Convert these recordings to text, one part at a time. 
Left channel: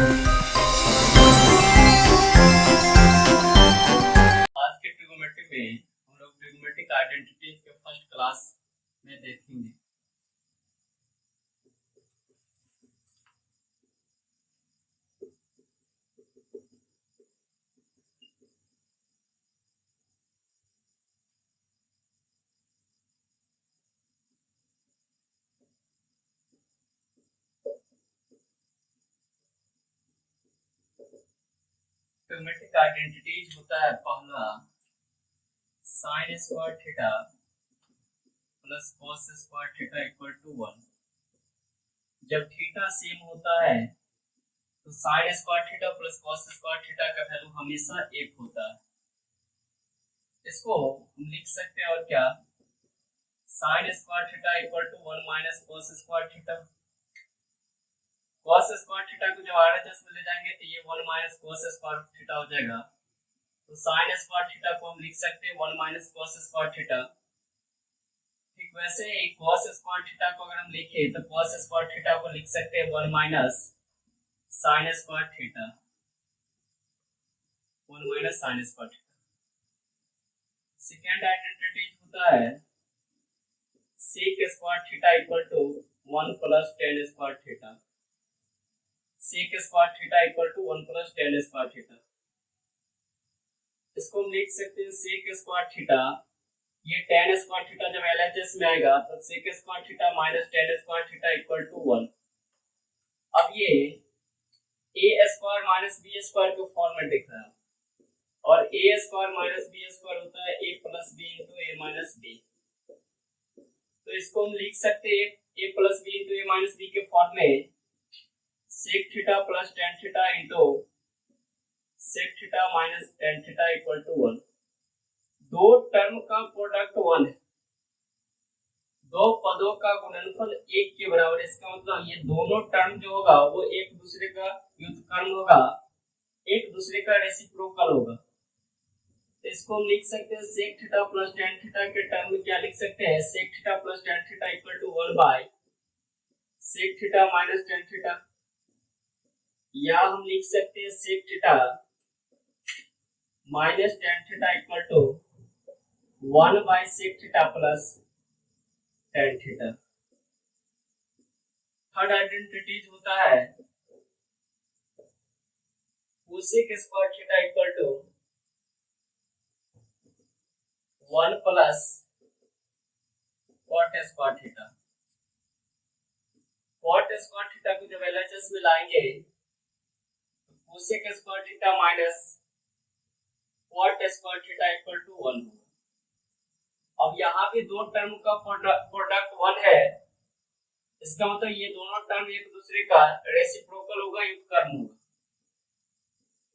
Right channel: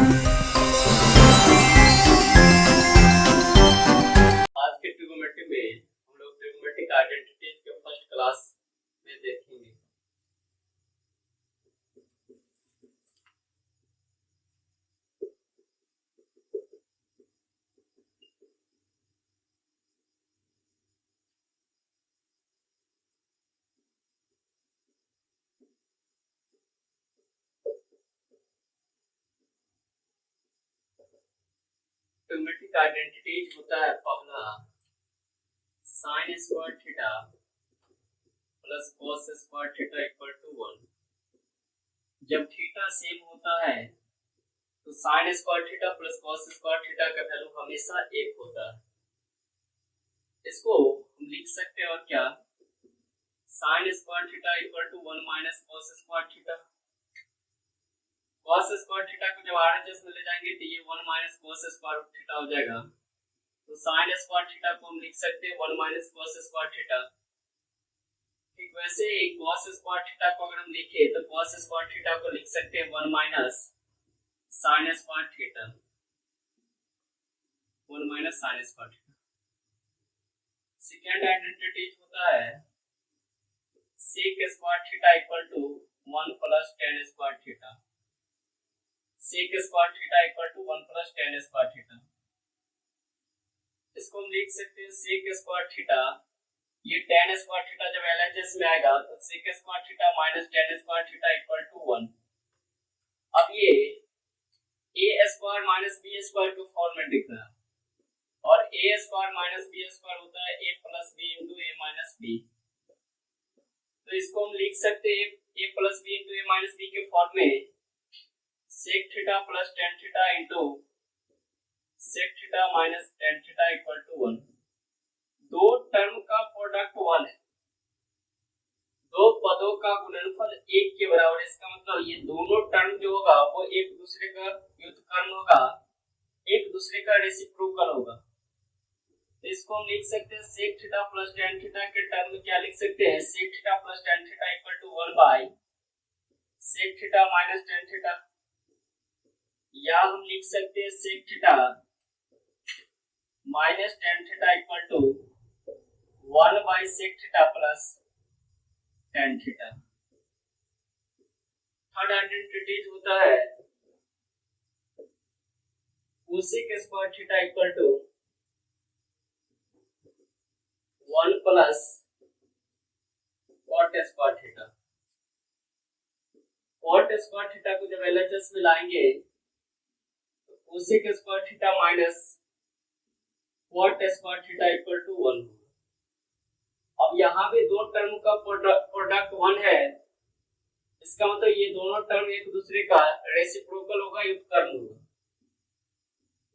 आज के ट्रिगोनोमेट्री में हम लोग ट्रिगोनोमेट्रिक आइडेंटिटीज के फर्स्ट क्लास में देखेंगे। ट्रिगोनोमेट्रिक आइडेंटिटीज होता है पहला sine square theta plus cos square theta equal to 1। जब थीटा सेम होता है तो sine square theta plus cos square theta का वैल्यू हमेशा 1 होता है। इसको हम लिख सकते हैं और क्या, sine square theta equal to 1 minus cos square theta. Cos square theta को जब आरएचएस में ले जाएंगे तो ये 1 माइनस कॉस स्क्वायर थीटा हो जाएगा। तो साइन स्क्वायर थीटा को हम लिख सकते हैं 1 माइनस कॉस स्क्वायर थीटा। ठीक वैसे ही कॉस स्क्वायर थीटा को अगर हम लिखे तो कॉस स्क्वायर थीटा को लिख सकते हैं 1 minus sign square theta, 1 minus sign square theta. Second identity होता है sec square theta equal to 1 plus tan square theta. Sec square theta equal to 1 plus tan square theta. इसको हम लिख सकते हैं सेक स्क्वायर थीटा, ये tan square theta जब LHS में आएगा तो sec square theta minus tan square theta equal to 1। अब ये a square minus b square के फॉर्म में दिख रहा है और a square minus b square होता है a plus b into a minus b। तो इसको हम लिख सकते हैं a plus b into a minus b के फॉर्म में sec theta plus tan theta into sec theta minus tan theta equal to 1। दो टर्म का प्रोडक्ट 1 है, दो पदों का गुणनफल 1 के बराबर। इसका मतलब ये दोनों टर्म जो होगा वो एक दूसरे का व्युत्क्रम होगा, एक दूसरे का रेसिप्रोकल होगा। इसको हम लिख सकते हैं sec theta plus tan theta के टर्म में क्या लिख सकते हैं, sec theta plus tan theta equal to 1 by sec theta minus tan theta. या हम लिख सकते हैं sec theta minus tan theta equal to 1 by sec theta plus tan theta. Third identity होता है cosec square theta equal to 1 plus cot square theta. Cot square theta को जब LHS में लाएंगे तो cosec square theta minus cot square theta equal to 1 होगा। अब यहाँ भी दो टर्म का प्रोडक्ट 1 है, इसका मतलब ये दोनों टर्म एक दूसरे का रेसिप्रोकल होगा, व्युत्क्रम होगा।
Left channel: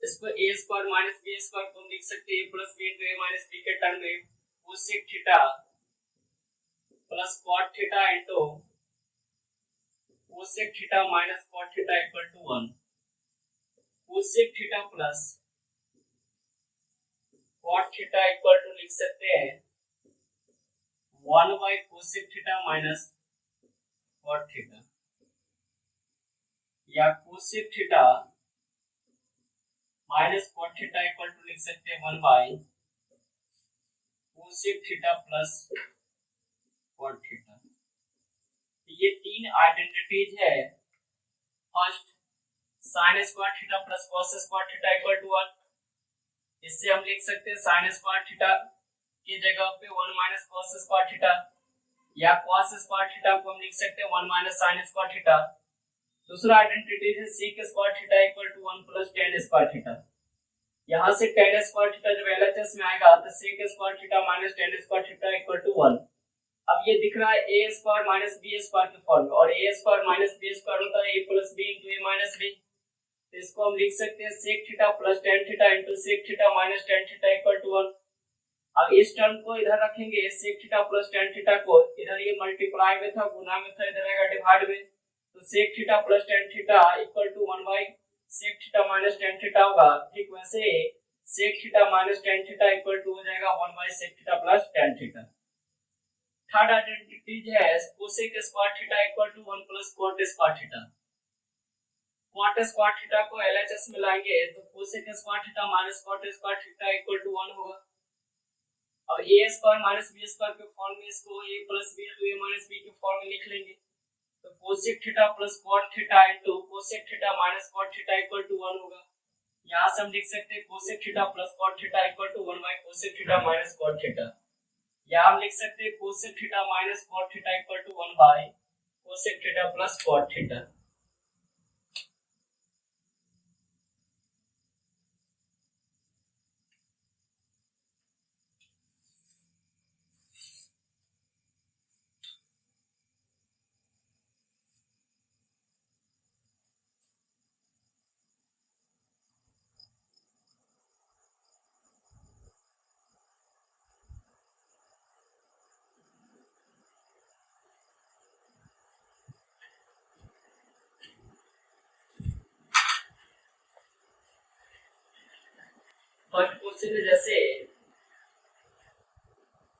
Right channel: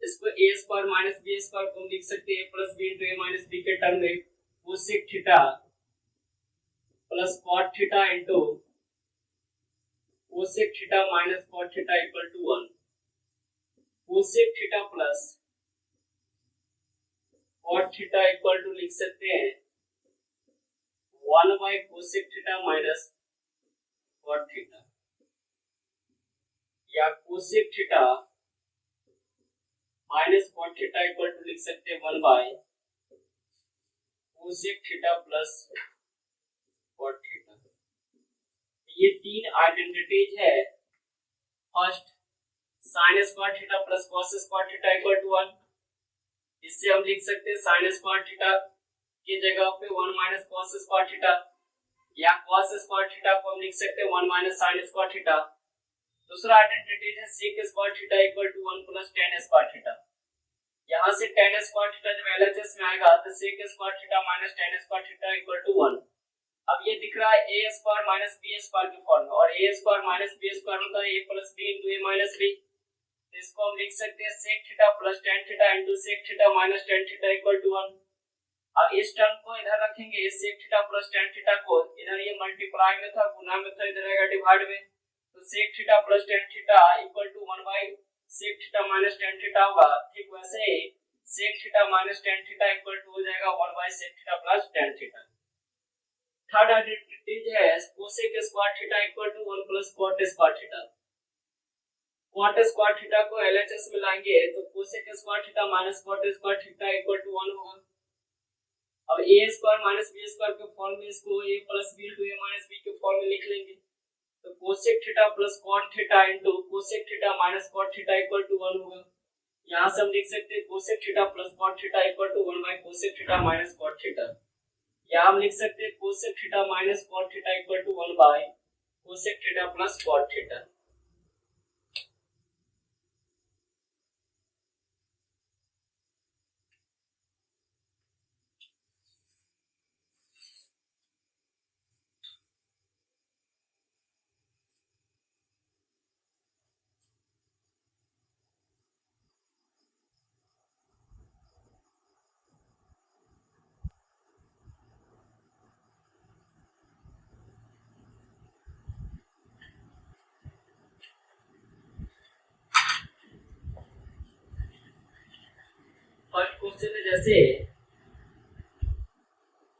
इसको a square minus b square को हम लिख सकते हैं a plus b into a minus b के टर्म में cosec theta plus cot theta into cosec theta minus cot theta equal to 1। Cosec theta plus cot theta equal to लिख सकते हैं 1 by cosec theta minus cot theta, या cosec theta minus cot theta equal to लिख सकते हैं 1 by cosec theta plus cot theta. ये तीन identities है। First sine square theta plus cos square theta equal to 1। इससे हम लिख सकते हैं साइन स्क्वायर थीटा की जगह पे 1 माइनस कॉस स्क्वायर थीटा, या कॉस स्क्वायर थीटा को हम लिख सकते हैं 1 माइनस साइन स्क्वायर थीटा। दूसरा आइडेंटिटी है sec square theta equal to 1 plus tan square theta. यहां से tan स्क्वायर थीटा जब एलएचएस में आएगा तो sec square theta minus tan square theta equal to 1। अब ये दिख रहा है a square minus b square के फॉर्म में, और a square minus b square होता है a plus b into a minus b। तो इसको हम लिख सकते हैं sec theta plus tan theta into sec theta minus tan theta equal to 1। अब इस टर्म को इधर रखेंगे, sec theta plus tan theta को इधर ये मल्टीप्लाई में था, गुना में था, इधर आएगा डिवाइड में। तो sec theta plus tan theta equal to 1 by sec theta minus tan theta होगा। ठीक वैसे sec theta minus tan theta equal to हो जाएगा 1 by sec theta plus tan theta. Third identity है cosec square theta equal to 1 plus cot square theta. Cot square theta को LHS में लाएंगे तो cosec square theta minus cot square theta equal to 1 होगा। अब ए square minus B square के form में इसको a plus B to A minus B के फॉर्म में लिख लेंगे। तो cosec theta plus cot theta into cosec theta minus cot theta equal to 1 होगा। यहाँ से हम लिख सकते हैं cosec theta plus cot theta equal to 1 by cosec theta minus cot theta. या हम लिख सकते हैं cosec theta minus cot theta equal to 1 by cosec theta plus cot theta. First question में जैसे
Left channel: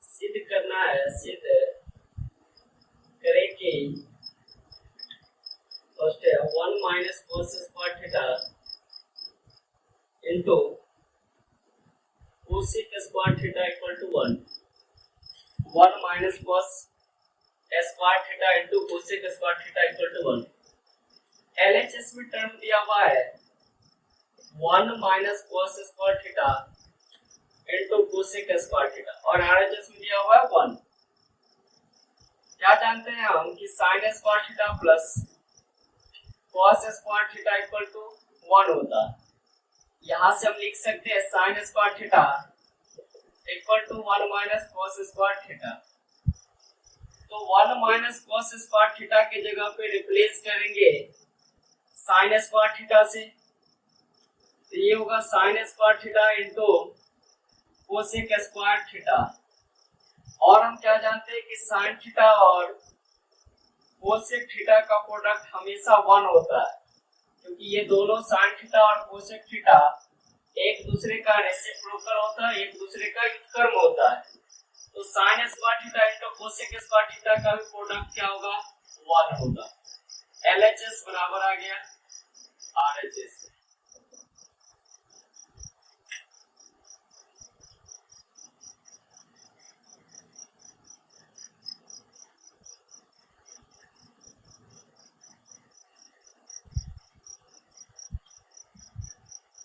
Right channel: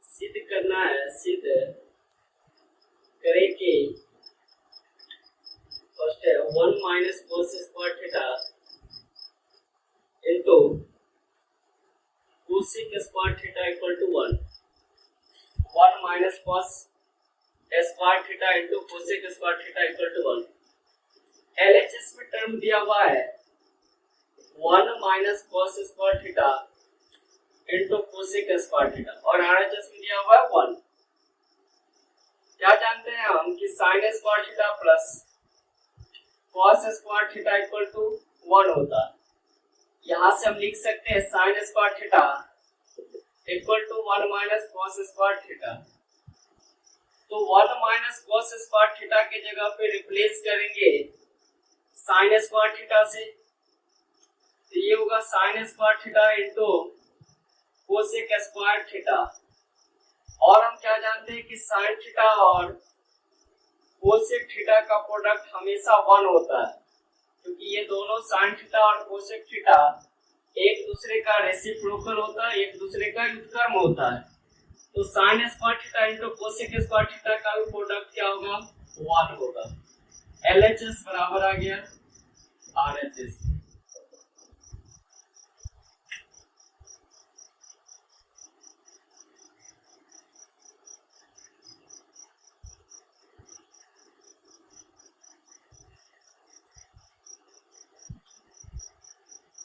सिद्ध करना है, सिद्ध करे कि फर्स्ट है 1 minus cos square theta into cosec square theta equal to 1 1 minus cos square theta into cosec square theta equal to 1। LHS में टर्म दिया हुआ है 1 minus cos square theta into cosec square theta और RHS में दिया हुआ है 1। क्या जानते हैं हम कि sin square theta plus cos square theta equal to 1 होता है। यहां से हम लिख सकते हैं sign square theta equal to 1 minus cos square theta. तो 1 माइनस कॉस स्क्वायर थीटा की जगह पे रिप्लेस करेंगे साइन स्क्वायर थीटा से, तो ये होगा sign square theta into cosec square theta. और हम क्या जानते हैं कि साइन थीटा और कोसेक थीटा का प्रोडक्ट हमेशा 1 होता है, क्योंकि ये दोनों साइन थीटा और कोसेक थीटा एक दूसरे का रेसिप्रोकल होता है, एक दूसरे का व्युत्क्रम होता है। तो sine square theta into cosec square theta का भी प्रोडक्ट क्या होगा 1 होगा। एलएचएस बराबर आ गया आरएचएस।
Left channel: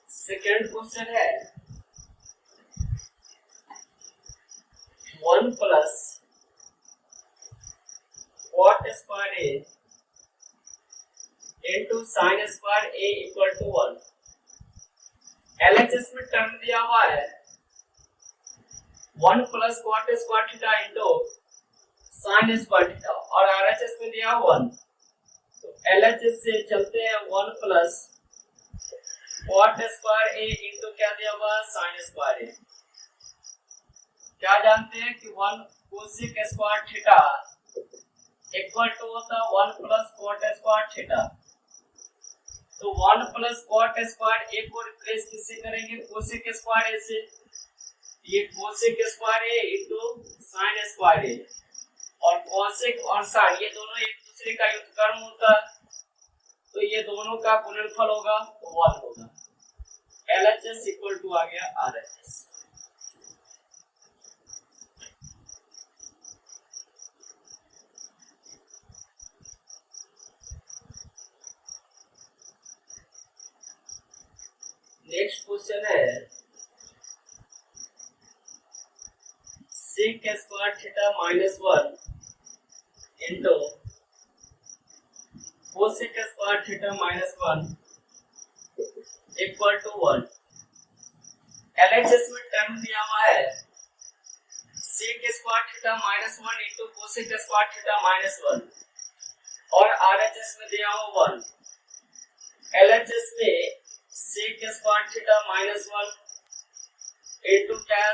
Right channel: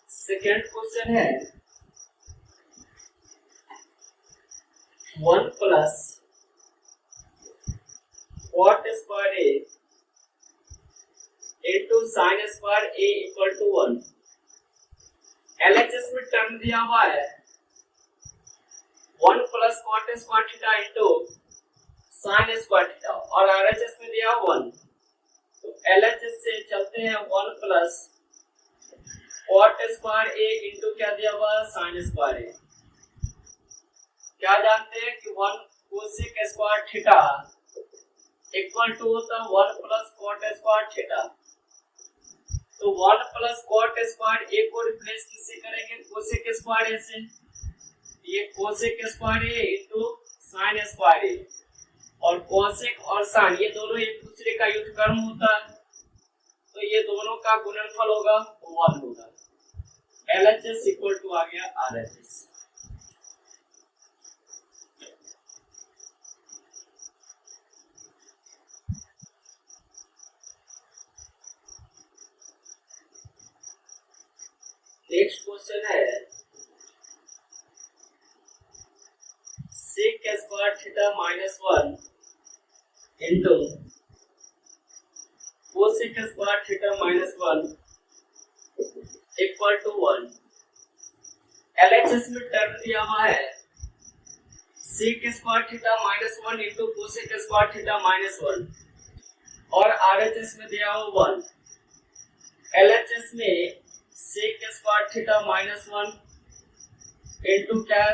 सेकेंड क्वेश्चन है 1 plus cot square A into sign square A equal to 1। LHS में टर्म दिया हुआ है 1 plus cot square theta into sign square theta और आरएचएस में दिया 1। तो एलएचएस से चलते हैं 1 प्लस कॉट स्क्वायर ए इनटू क्या दिया हुआ साइन स्क्वायर ए। क्या जानते हैं कि 1 cosec square theta equal to होता है 1 प्लस कॉट स्क्वायर थीटा। तो 1 प्लस कॉट स्क्वायर ए को रिप्लेस किससे करेंगे कोसेक स्क्वायर ए से। ये cosec square A into sign square a और कोसेक और साइन ये दोनों एक दूसरे का व्युत्क्रम होता है, तो ये दोनों का गुणनफल होगा 1 होगा। एलएचएस इक्वल टू आ गया आरएचएस। नेक्स्ट क्वेश्चन है sec square theta minus 1 into cosec square theta minus 1 equal to 1। LHS में टर्म दिया हुआ है sec square theta minus 1 into cosec square theta minus 1 और आरएचएस में दिया हुआ 1। एलएचएस में sec square theta minus 1 into क्या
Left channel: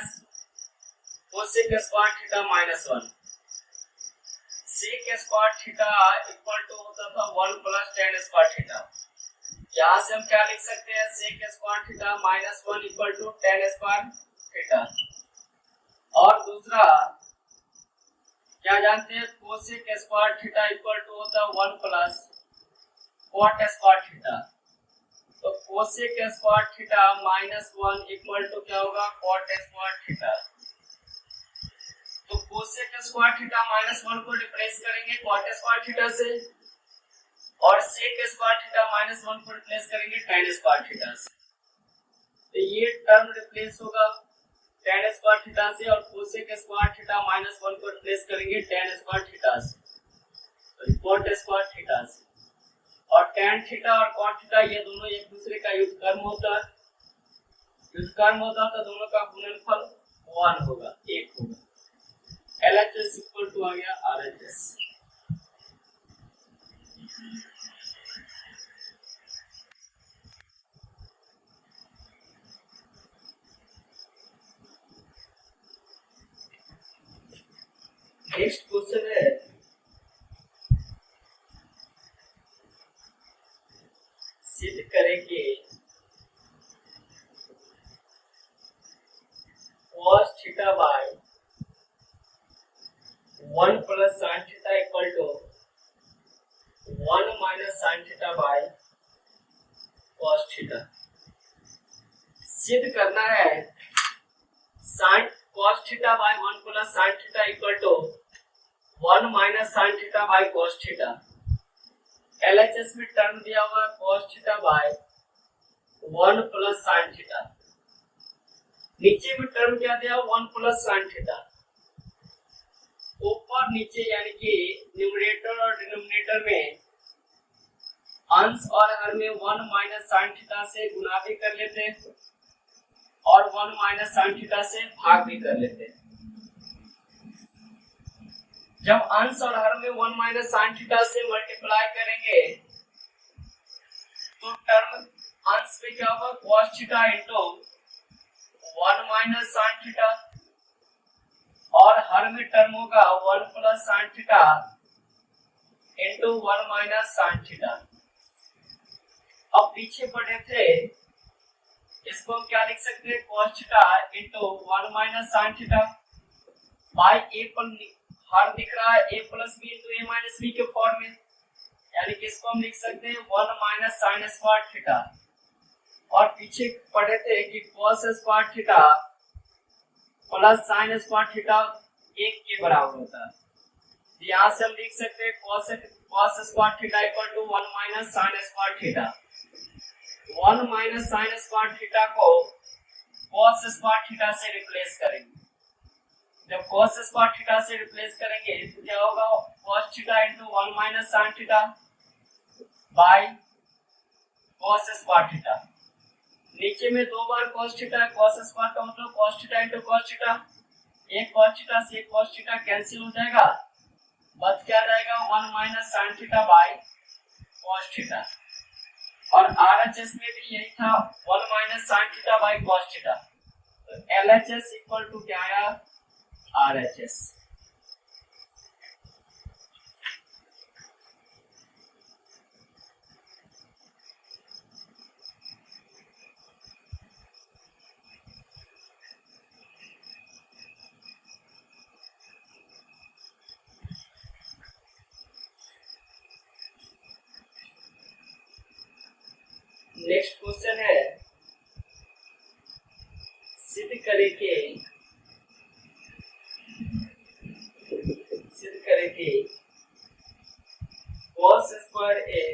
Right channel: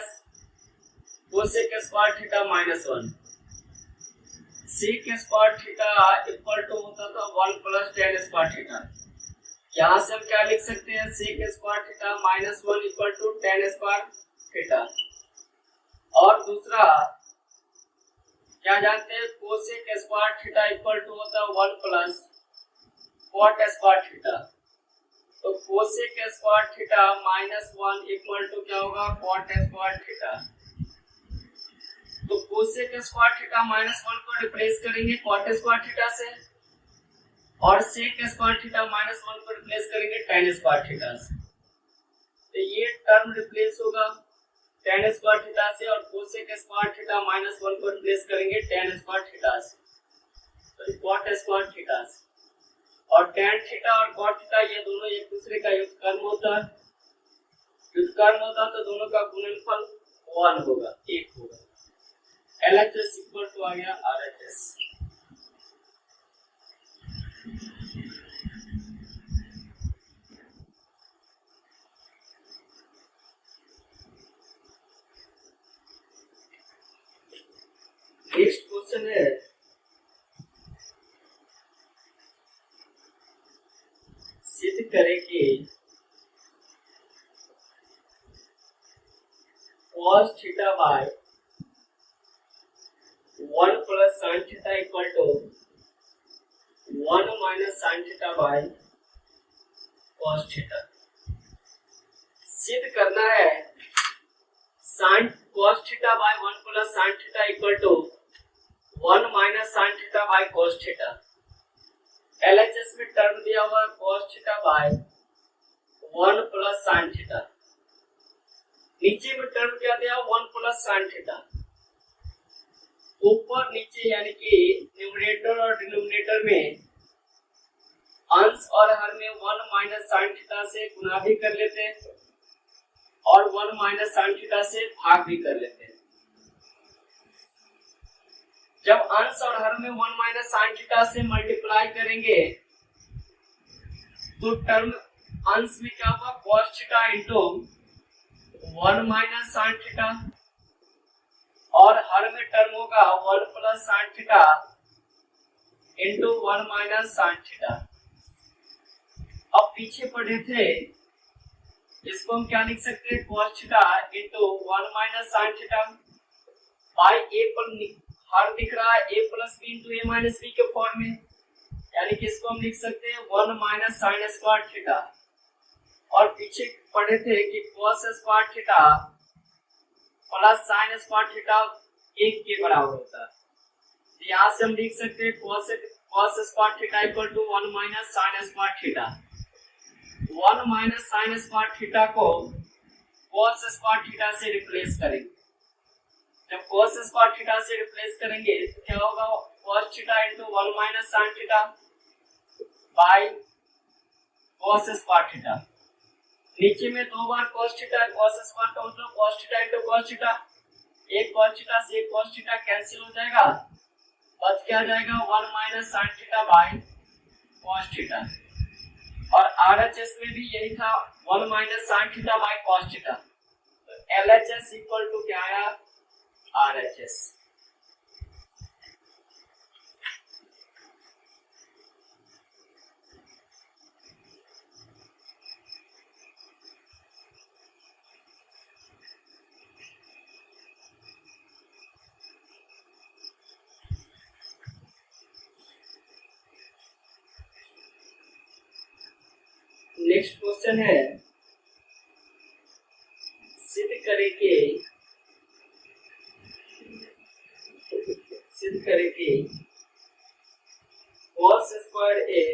cosec square theta minus 1। Sec square theta equal to होता था 1 प्लस tan स्क्वायर थीटा। यहाँ से हम क्या लिख सकते हैं sec square theta minus 1 equal to tan square theta. और दूसरा क्या जानते हैं cosec square theta equal to होता है 1 प्लस कॉट स्क्वायर थीटा। तो cosec square theta -1 equal to क्या होगा, कॉट स्क्वायर थीटा। तो कोसेक स्क्वायर थीटा -1 को रिप्लेस करेंगे कॉट स्क्वायर थीटा से, और सेक स्क्वायर थीटा -1 को रिप्लेस करेंगे tan स्क्वायर थीटा से। तो ये टर्म रिप्लेस होगा tan स्क्वायर थीटा से, और कोसेक स्क्वायर थीटा -1 को रिप्लेस करेंगे tan स्क्वायर थीटा से, कॉट स्क्वायर थीटा से। और tan थीटा और cot थीटा ये दोनों एक दूसरे का व्युत्क्रम होता है, व्युत्क्रम होता है तो दोनों का गुणनफल 1 होगा, 1 होगा। LHS इक्वल टू आ गया RHS। नेक्स्ट क्वेश्चन है सिद्ध करें कि cos theta by 1 plus sin theta equal to 1 minus sin theta by cos theta. सिद्ध करना है sin cos theta by 1 plus sin theta equal to 1 minus sin theta by cos theta. LHS में term दिया हुआ cos theta by 1 plus sin theta, नीचे में term क्या दिया 1 प्लस sin थीटा। ऊपर नीचे यानी कि न्यूमरेटर और डिनोमिनेटर में अंश और हर में 1 माइनस sin थीटा से गुणा भी कर लेते हैं और 1 माइनस sin थीटा से भाग भी कर लेते हैं। जब अंश और हर में 1 माइनस sin थीटा से मल्टीप्लाई करेंगे तो टर्म अंश में क्या होगा cos theta into 1 minus sin theta, और हर में टर्म होगा 1 plus sin theta into 1 minus sin theta. अब पीछे पढ़े थे, इसको हम क्या लिख सकते हैं cos theta into 1 minus sin theta by a पर हर दिख रहा है a plus B into A minus B के फॉर्म में, यानी कि इसको हम लिख सकते हैं 1 माइनस sin स्क्वायर थीटा। और पीछे पढ़े थे कि cos square theta plus sin square theta 1 के बराबर होता है। तो यहाँ से हम लिख सकते हैं cos square theta equal to 1 minus sin square theta. 1 minus sin square theta को cos स्क्वायर थीटा से रिप्लेस करेंगे। जब cos स्क्वायर थीटा से रिप्लेस करेंगे तो क्या होगा cos theta into 1 minus sin theta by cos square theta. नीचे में दो बार cos थीटा cos स्क्वायर का मतलब cos theta into cos theta, एक cos थीटा से एक cos थीटा कैंसिल हो जाएगा, बच क्या जाएगा 1 minus sin theta by cos theta. और RHS में भी यही था 1 minus sin theta by cos theta. तो LHS इक्वल टू क्या आया RHS। नेक्स्ट क्वेश्चन है सिद्ध करें कि cos square a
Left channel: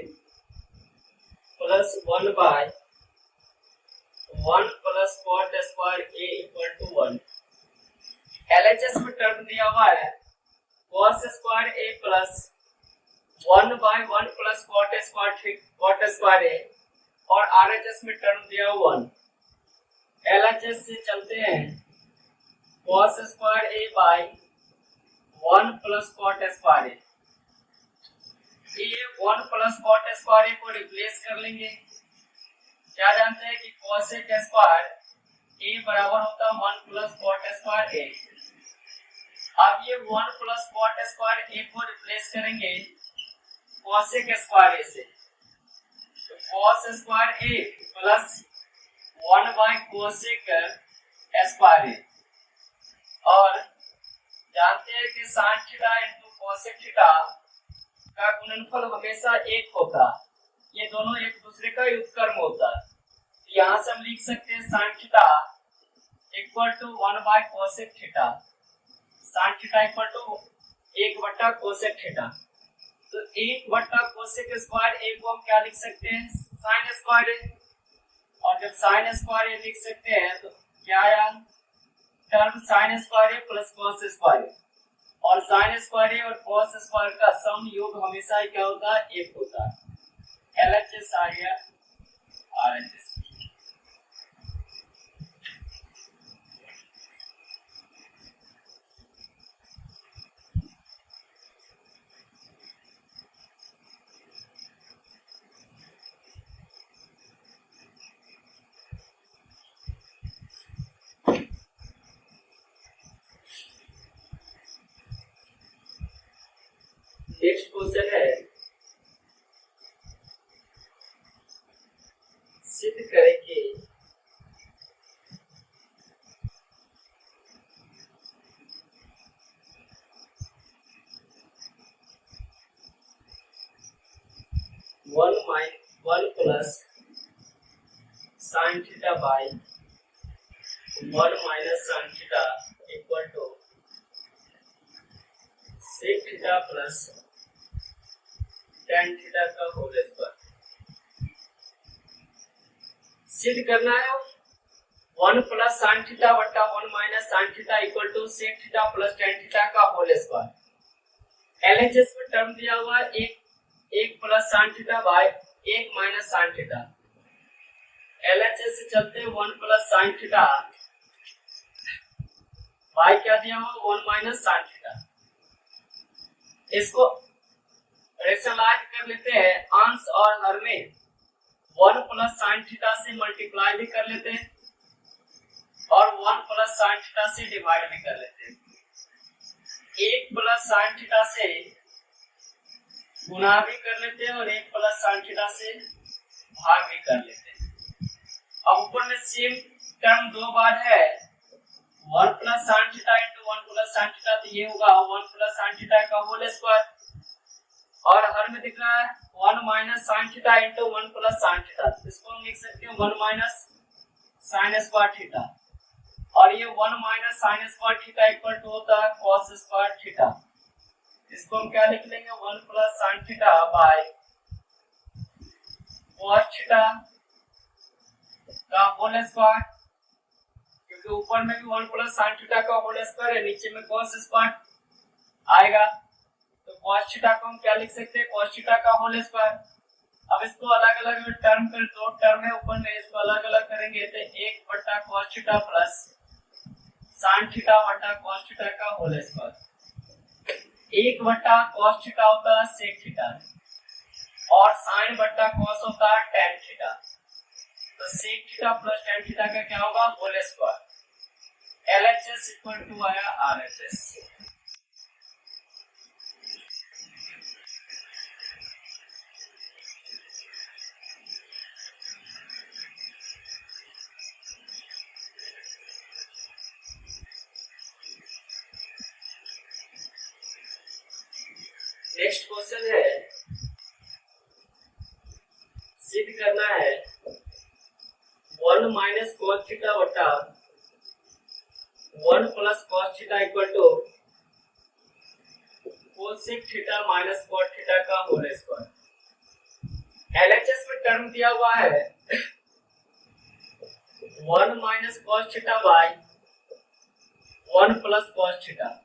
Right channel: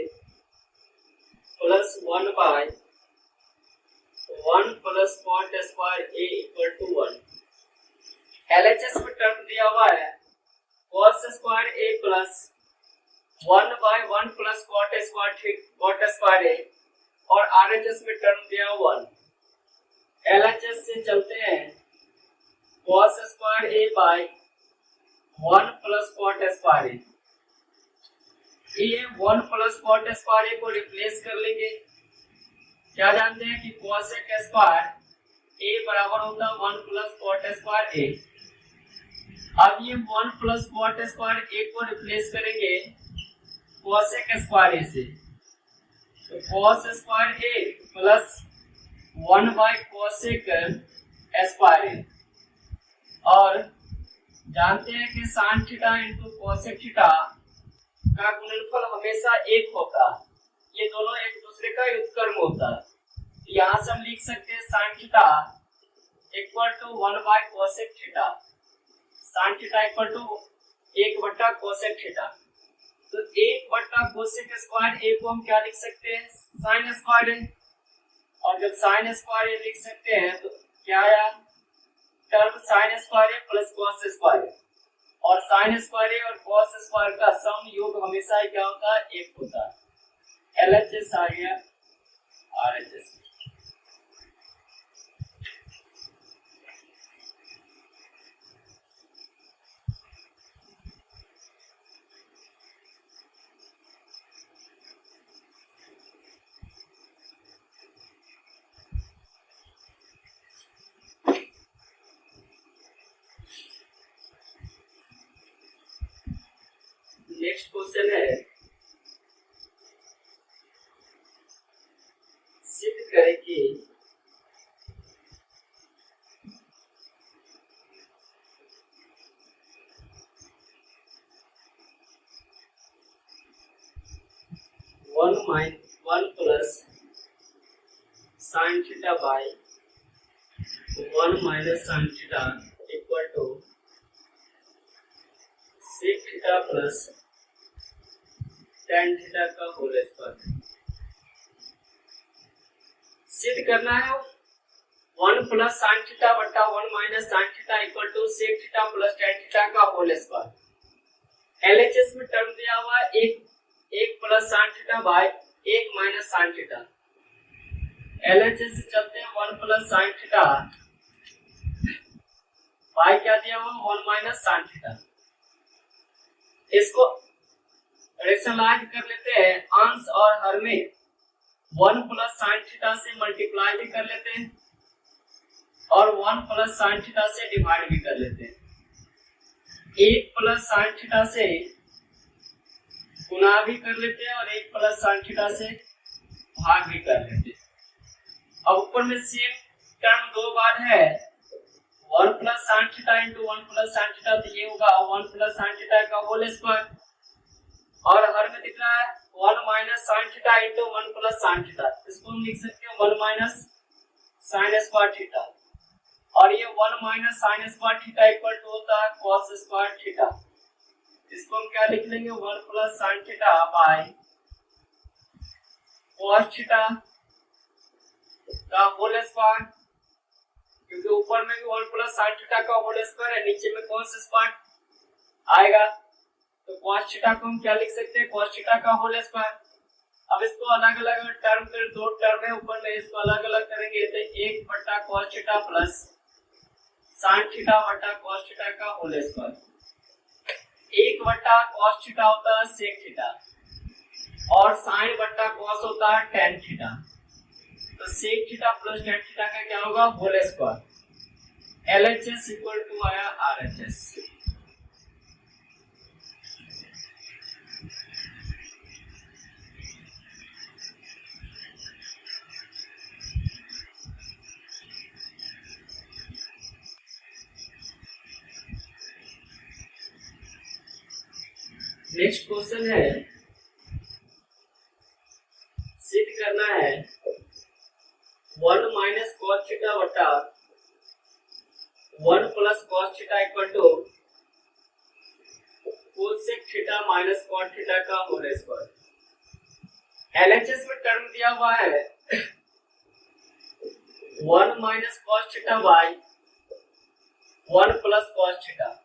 plus 1 by 1 plus cot square a equal to 1। LHS में टर्म दिया हुआ है cos square a plus 1 by 1 plus cot square a, और RHS में टर्म दिया 1। LHS से चलते हैं cos square a by 1 plus cot square a। ये 1 प्लस cot स्क्वायर a को रिप्लेस कर लेंगे। क्या जानते हैं कि cosec स्क्वायर a बराबर होता है 1 प्लस cot स्क्वायर a। अब ये 1 प्लस cot स्क्वायर a को रिप्लेस करेंगे cosec स्क्वायर a से, तो cos square a plus 1 by cosec square a। और जानते हैं कि sin theta into cosec theta का गुणनफल हमेशा 1 होता है। ये दोनों एक दूसरे का व्युत्क्रम होता है। यहाँ से हम लिख सकते हैं sin theta equal to 1 by cosec theta, sin theta equal to 1 बटा कोसेक थीटा। तो 1 बटा कोसेक स्क्वायर ए को हम क्या लिख सकते हैं, साइन स्क्वायर ए, और जब साइन स्क्वायर ए लिख सकते हैं तो क्या आया, term sign square a plus cos square a, और साइन स्क्वायर ए और कॉस स्क्वायर का सम योग हमेशा क्या होता है, 1 होता है। LHS आ गया RHS। नेक्स्ट क्वेश्चन है, सिद्ध करें कि one plus sign theta by 1 minus sign theta equal to sec theta plus tan theta का होल स्क्वायर। सिद्ध करना है 1 प्लस साइन थीटा बटा 1 minus sign theta equal to sec theta plus tan theta का होल स्क्वायर। एलएचएस में term दिया हुआ है 1 plus sign theta by 1 minus sign theta. एलएचएस से चलते हैं 1 प्लस साइन थीटा बाय क्या दिया हुआ 1 माइनस साइन थीटा। इसको रेशनलाइज कर लेते हैं, अंश और हर में 1 प्लस साइन थीटा से मल्टीप्लाई भी कर लेते हैं और 1 प्लस साइन थीटा से डिवाइड भी कर लेते हैं। 1 प्लस साइन थीटा से गुणा भी कर लेते हैं और 1 प्लस साइन थीटा से भाग भी कर लेते हैं। अब ऊपर में सेम टर्म दो बार है, 1 plus sign theta into 1 plus sign theta, तो ये होगा 1 प्लस साइन थीटा का होल स्क्वायर, और हर में दिख रहा है 1 minus sign theta into 1 plus sine theta. इसको हम लिख सकते हैं 1 माइनस साइन स्क्वायर थीटा, और ये 1 minus sign square theta equal to होता है कॉस स्क्वायर थीटा। इसको हम क्या लिख लेंगे 1 plus sign theta by cos theta का होल स्क्वायर, क्योंकि ऊपर में भी 1 प्लस साइन थीटा का होल स्क्वायर है, नीचे में कॉस स्क्वायर आएगा, तो cos थीटा को हम क्या लिख सकते हैं, cos थीटा का होल स्क्वायर। अब इसको अलग अलग टर्म कर, दो टर्म है ऊपर में, इसको अलग अलग करेंगे तो 1 बटा cos theta plus sin theta बटा cos थीटा का होल स्क्वायर। 1 बटा cos थीटा होता है sec थीटा, और sin बटा cos होता है tan थीटा, तो sec theta plus tan theta का क्या होगा, whole square. LHS equal to आया RHS। नेक्स्ट क्वेश्चन है, सिद्ध करना है 1 माइनस कॉस थीटा बटा 1 plus cos theta equal to cosec theta minus cot theta का होल स्क्वायर। एलएचएस में टर्म दिया हुआ है 1 minus cos theta by 1 plus cos theta.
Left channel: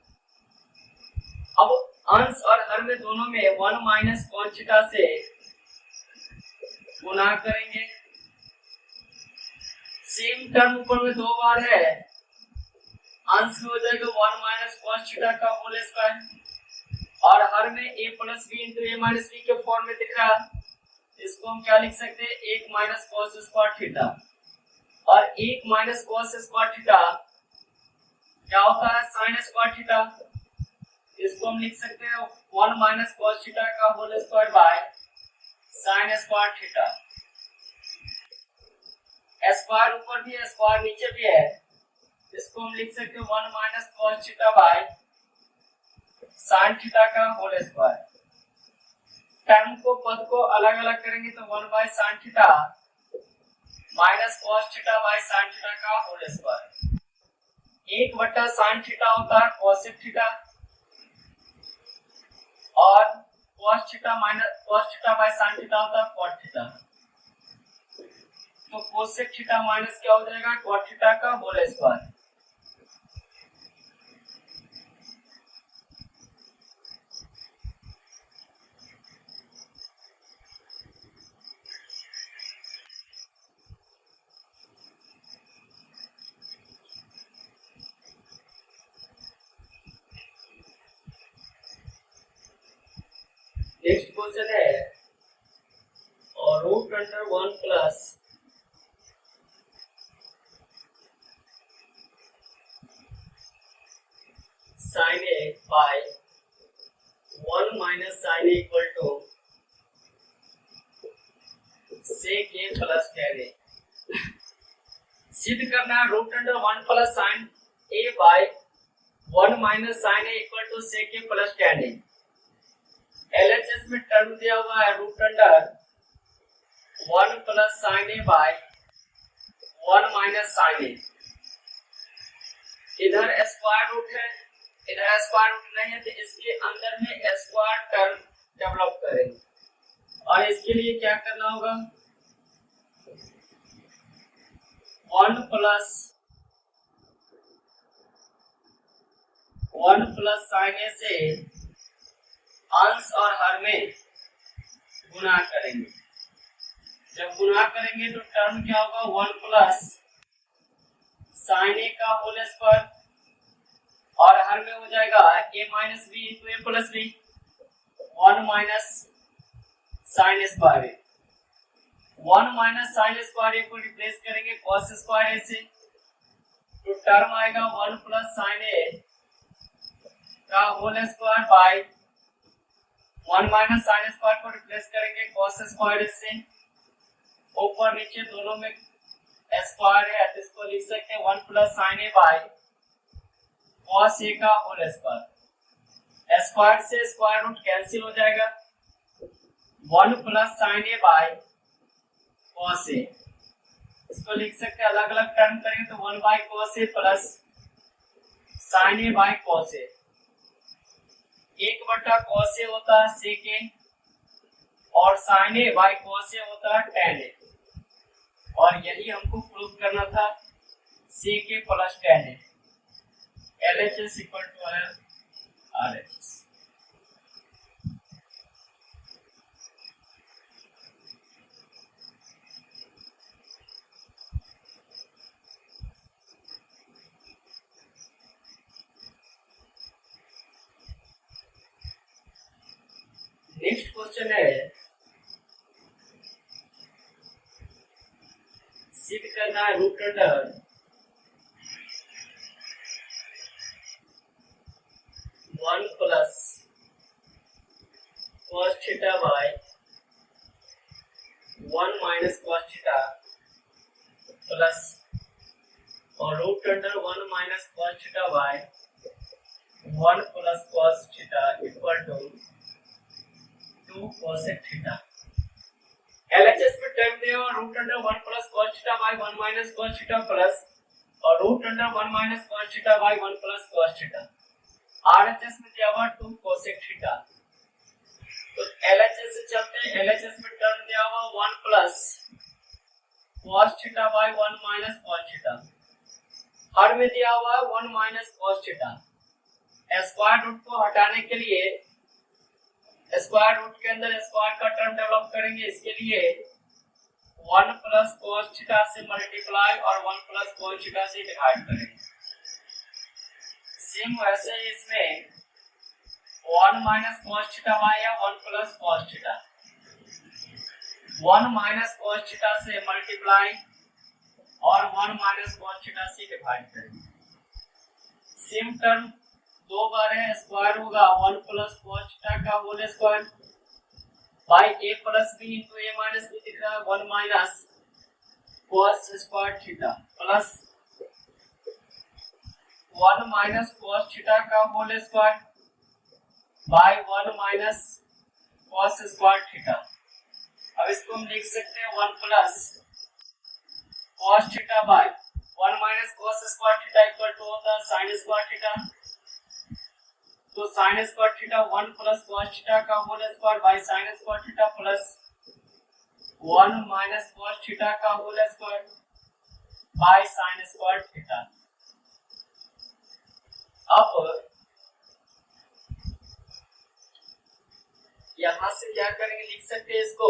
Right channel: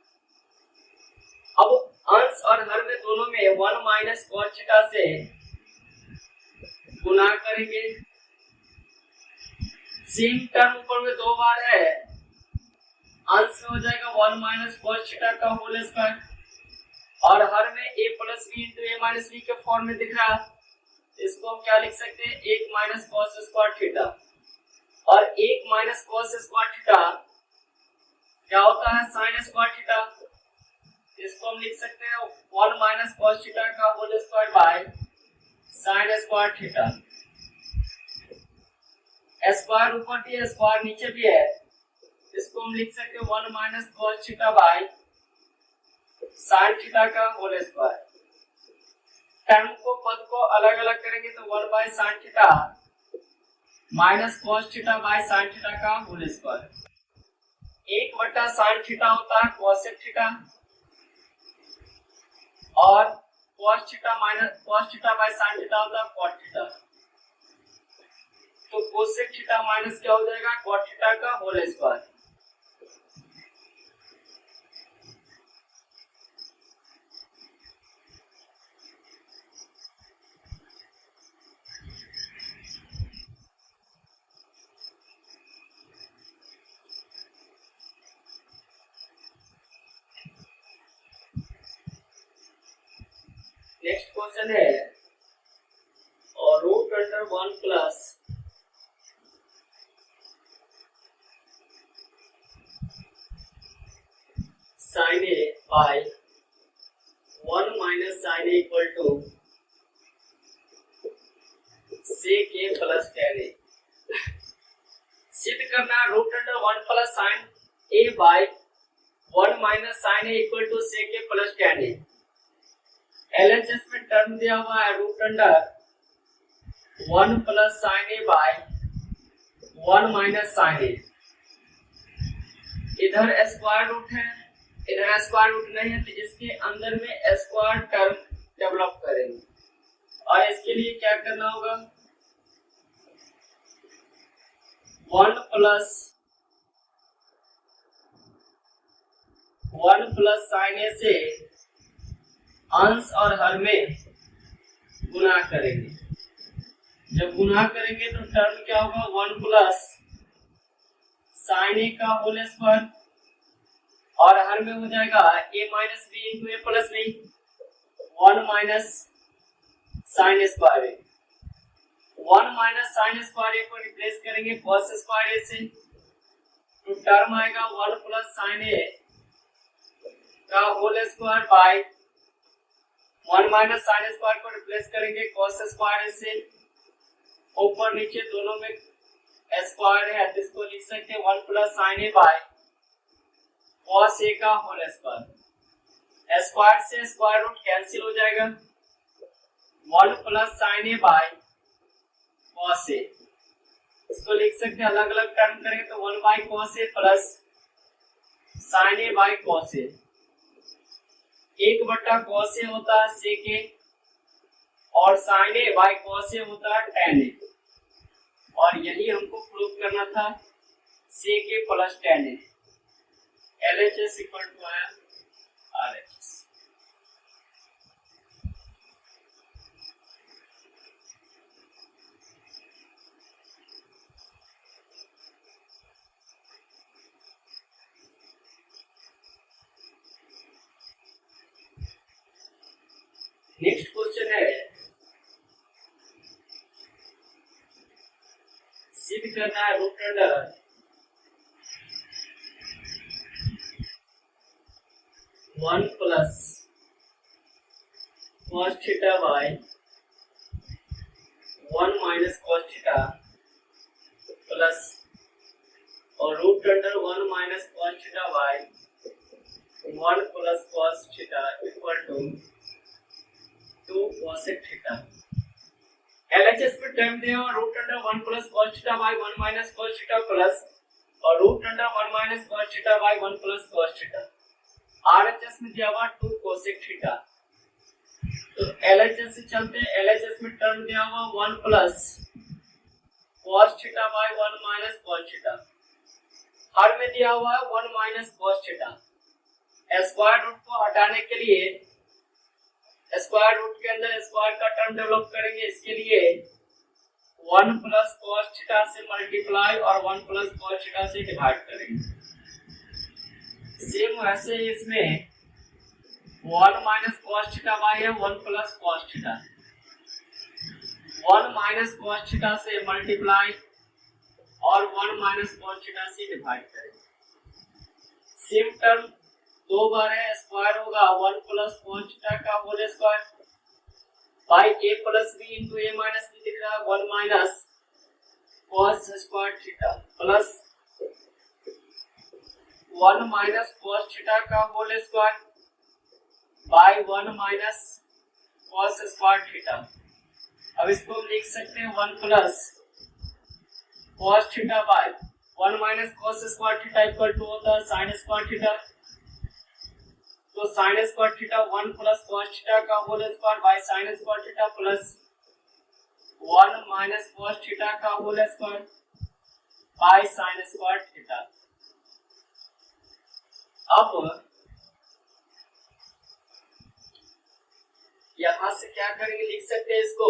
अब अंश और हर में दोनों में 1 माइनस कॉस थीटा से गुणा करेंगे। सेम टर्म ऊपर में दो बार है, अंश में हो जाएगा 1 माइनस कॉस थीटा का होल स्क्वायर, और हर में a plus B into A minus B के फॉर्म में दिख रहा है। इसको हम क्या लिख सकते हैं, 1 माइनस कॉस स्क्वायर थीटा, और 1 माइनस कॉस स्क्वायर थीटा क्या होता है, साइन स्क्वायर थीटा। इसको हम लिख सकते हैं 1 माइनस कॉस थीटा का whole square by sign square theta. Square ऊपर भी है, स्क्वायर नीचे भी है, इसको हम लिख सकते हैं 1 minus cos theta by sine theta का होल स्क्वायर। टर्म को पद को अलग अलग करेंगे तो 1 by sine theta minus cos theta by sine theta का होल स्क्वायर। 1 बटा साइन थीटा होता है कोसेक थीटा और cos theta minus cos theta by sine theta होता है कॉट थीटा। तो कोसेक थीटा माइनस क्या हो जाएगा कॉट थीटा का होल स्क्वायर। नेक्स्ट क्वेश्चन है और root under 1 plus sign A by 1 minus sin A equal to sec A plus tan A. सिद्ध करना root under 1 plus sign A by 1 minus sin A equal to sec A plus tan A. LHS में term दिया हुआ है root under 1 plus sign A by 1 minus sin A. इधर square root है इधर square root नहीं है तो इसके अंदर में स्क्वायर टर्म डेवलप करेंगे और इसके लिए क्या करना होगा 1 प्लस साइन ए से अंश और हर में गुणा करेंगे। जब गुणा करेंगे तो टर्म क्या होगा 1 प्लस साइन ए का होल स्क्वायर और हर में हो जाएगा a minus b into a plus b 1 minus sign square a. 1 minus sign square a को रिप्लेस करेंगे कॉस स्क्वायर ए से तो टर्म आएगा 1 प्लस साइन ए का whole square by 1 minus sign square को रिप्लेस करेंगे कॉस स्क्वायर से। ऊपर नीचे दोनों में स्क्वायर है तो इसको लिख सकते हैं 1 plus sign A by cos a का होल स्क्वायर। स्क्वायर से स्क्वायर रूट कैंसिल हो जाएगा 1 plus sign A by cos a. इसको लिख सकते हैं अलग अलग टर्म करेंगे तो 1 by cos a plus sign A by cos a. 1 बटा कॉस ए होता है सेक ए और sine A by cos a होता है tan ए और यही हमको प्रूव करना था sec A plus tan a. LHS equal to है RHS। नेक्स्ट क्वेश्चन है सिद्ध करना है root under 1 plus cos theta by 1 minus cos theta plus और root under 1 minus cos theta by 1 plus cos theta equal to 2 cosec theta. LHS में term दिया हुआ root under 1 plus cos theta by 1 minus cos theta plus और root under 1 minus cos theta by 1 plus cos theta. RHS में दिया हुआ 2 cosec theta. तो LHS से चलते हैं LHS में टर्म दिया हुआ 1 plus cos theta by 1 minus cos theta. हर में दिया हुआ है 1 minus cos theta. Square root को हटाने के लिए स्क्वायर रूट के अंदर स्क्वायर का टर्म डेवलप करेंगे। इसके लिए 1 प्लस cos थीटा से मल्टीप्लाई और 1 प्लस cos थीटा से डिवाइड करेंगे। सेम वैसे ही इसमें 1 minus cos theta by 1 plus cos theta 1 minus cos theta से मल्टीप्लाई और 1 माइनस cos थीटा से डिवाइड करेंगे। सेम टर्म दो बार है स्क्वायर होगा 1 प्लस cos थीटा का whole square by a plus b into a minus b दिख रहा है 1 minus cos square theta plus 1 minus cos theta का whole square by 1 minus cos square theta. अब इसको हम लिख सकते हैं 1 plus cos theta by 1 minus cos square theta equal to होता है साइन स्क्वायर थीटा। तो sine square theta 1 plus cos theta का whole square by sign square theta plus 1 minus cos theta का whole square by sign square theta. अब यहां से क्या करेंगे, लिख सकते हैं इसको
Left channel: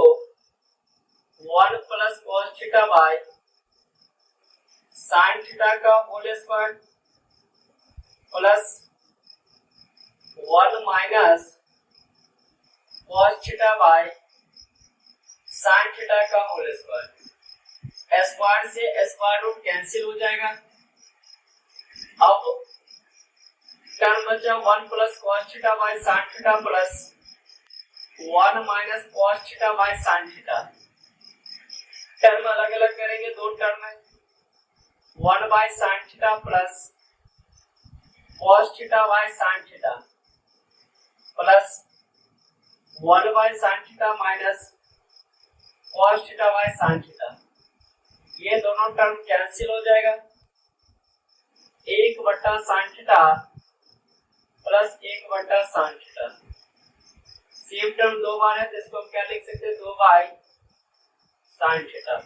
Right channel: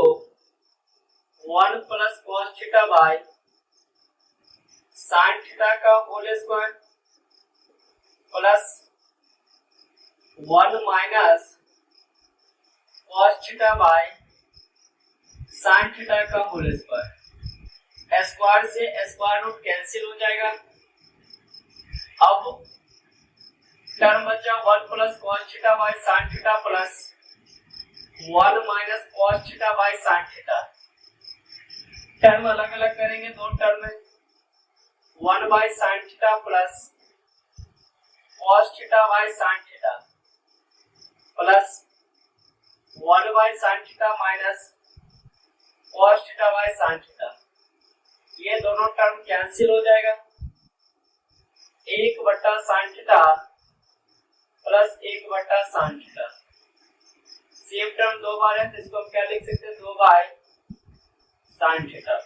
1 plus cos theta by sine theta का whole square plus 1 minus cos theta by sine theta का होल स्क्वायर। स्क्वायर से स्क्वायर रूट कैंसिल हो जाएगा। अब टर्म बचा 1 plus cos theta by sine theta plus 1 minus cos theta by sine theta. Term अलग अलग करेंगे, दो टर्म है 1 by sine theta plus cos theta by sine theta plus 1 by sine theta minus cos theta by sine theta. ये दोनों term cancel हो जाएगा। 1 बटा साइन थीटा प्लस 1 बटा साइन थीटा। सेम टर्म दो बार है तो इसको हम क्या लिख सकते हैं, 2 बाय साइन थीटा।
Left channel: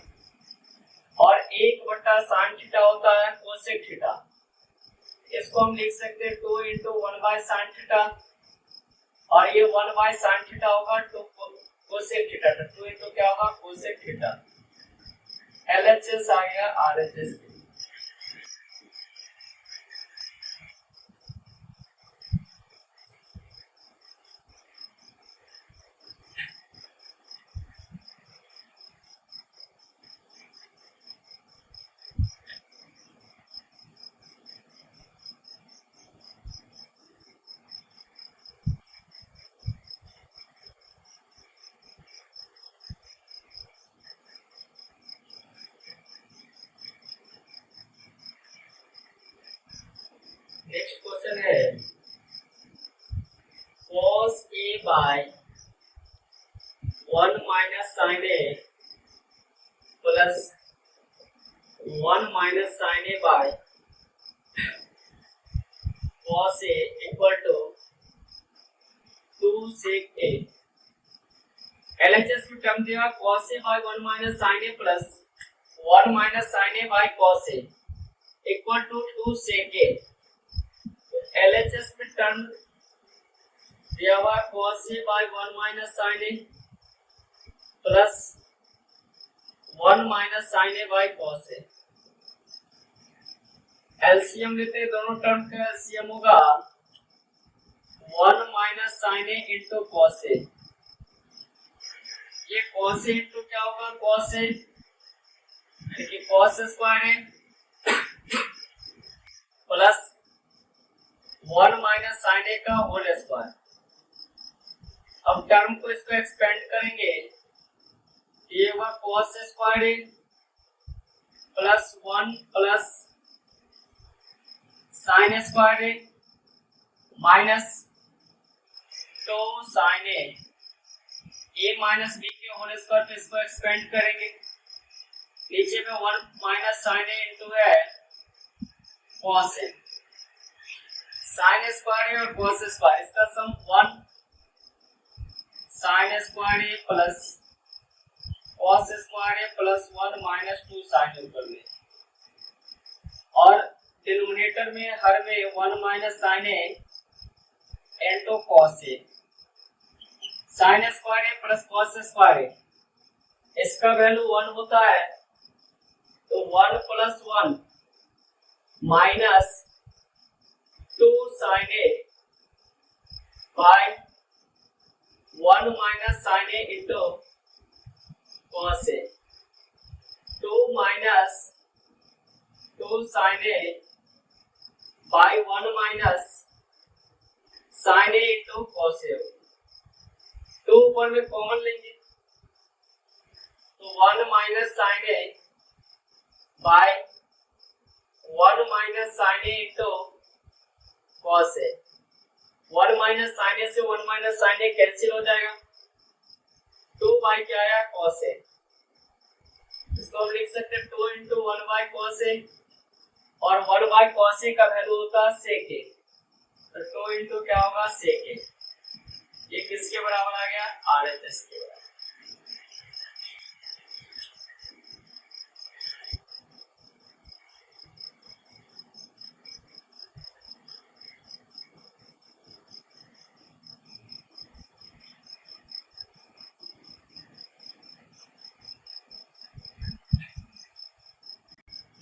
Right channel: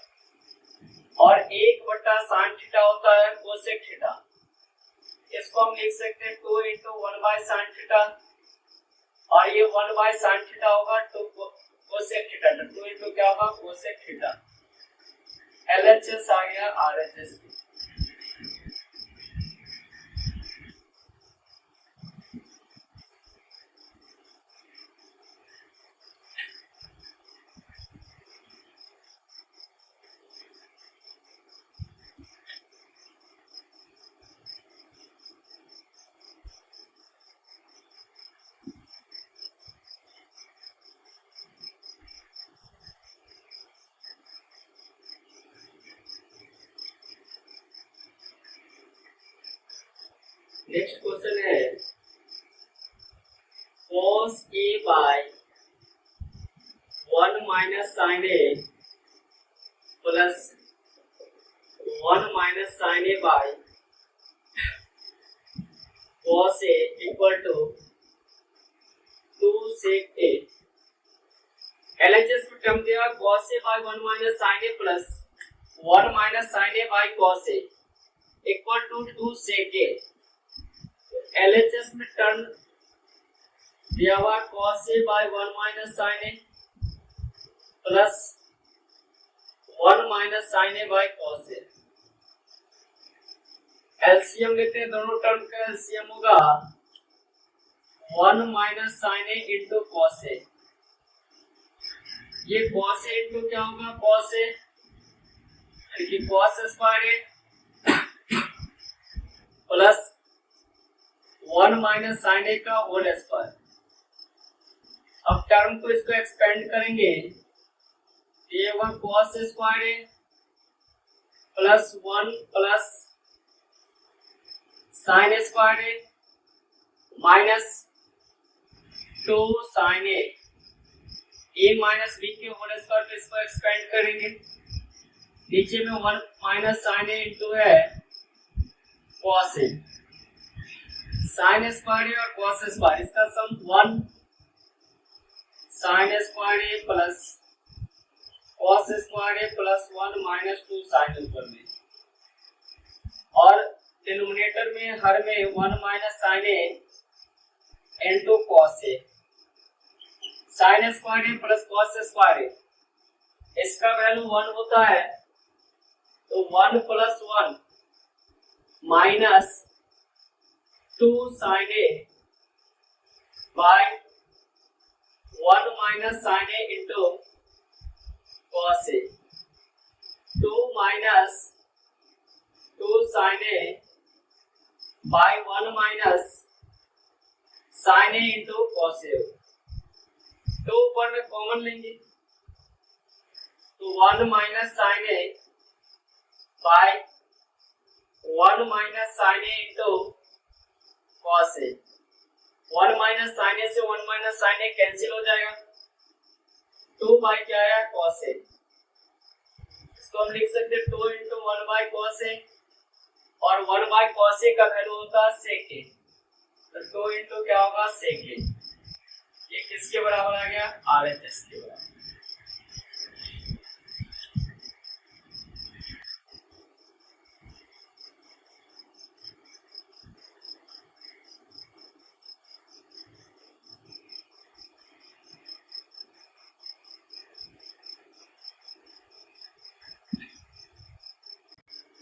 और 1 बटा साइन थीटा होता है कोसेक थीटा। इसको हम लिख सकते हैं 2 इंटू 1 बाय साइन थीटा। और ये 1 बाय साइन थीटा होगा 2 कोसेक थीटा। 2 इंटू क्या होगा, कोसेक थीटा। LHS आ गया RHS। नेक्स्ट क्वेश्चन है cos A by 1 minus sin A plus 1 minus sin A by cos A equal to 2 sec A। LHS में term दिया cos A by 1 minus sin A plus 1 minus sin A by cos A equal to 2 sec A। LHS में term दिया हुआ cos A by 1 minus sin A plus 1 minus sin A by cos A। LCM लेते हैं, दोनों term का LCM होगा 1 minus sin A into cos A। ये cos A into क्या होगा, cos A, देखिए cos square A plus 1 minus sin A का होल स्क्वायर। अब टर्म को इसको एक्सपेंड करेंगे, ये हुआ cos square A plus 1 plus sign square A minus 2 sin A minus B के होल स्क्वायर पे इसको एक्सपेंड करेंगे। नीचे में 1 माइनस साइन A इंटू है cos A। Sin square A और cos स्क्वायर, इसका sum 1 sign square A plus cos square A plus 1 minus 2 sin ऊपर में, और डिनोमिनेटर में हर में 1 minus sin A into cos A। Sin square A plus cos square A, इसका value 1 होता है तो 1 plus 1 minus 2 sin A by 1 minus sin A into cos A। 2 minus 2 sin A by 1 minus sin A into cos A। 2 ऊपर में common लेंगे तो 1 minus sin A by 1 minus sin A into cos A। 1 minus sin A से 1 minus sin A cancel हो जाएगा, 2 by क्या है cos a, इसको हम लिख सकते हैं 2 इंटू 1 बाई cos a, और 1 बाई cos a का वैल्यू होता है sec a, तो 2 इंटू क्या होगा sec a, ये किसके बराबर आ गया RHS के बराबर।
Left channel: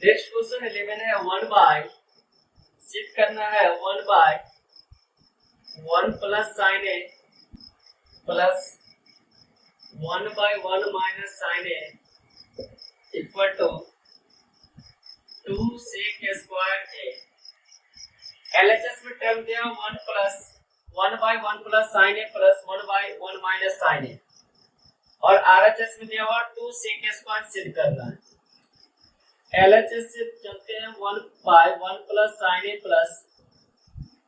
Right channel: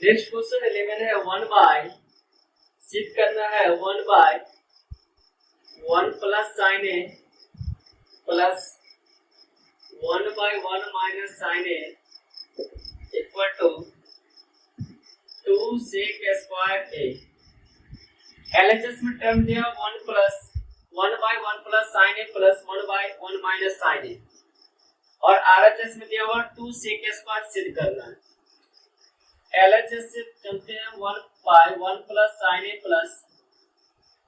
नेक्स्ट क्वेश्चन 11 है 1 बाय, सिद्ध करना है 1 by 1 plus sign A plus 1 by 1 minus sin A equal to 2 sec square A. LHS में टर्म दिया 1 by 1 plus sign A plus 1 by 1 minus sin A, और आरएचएस में दिया हुआ 2 सेक स्क्वायर सिद्ध करना है। एलएचएस से चलते हैं 1 by 1 plus sign A plus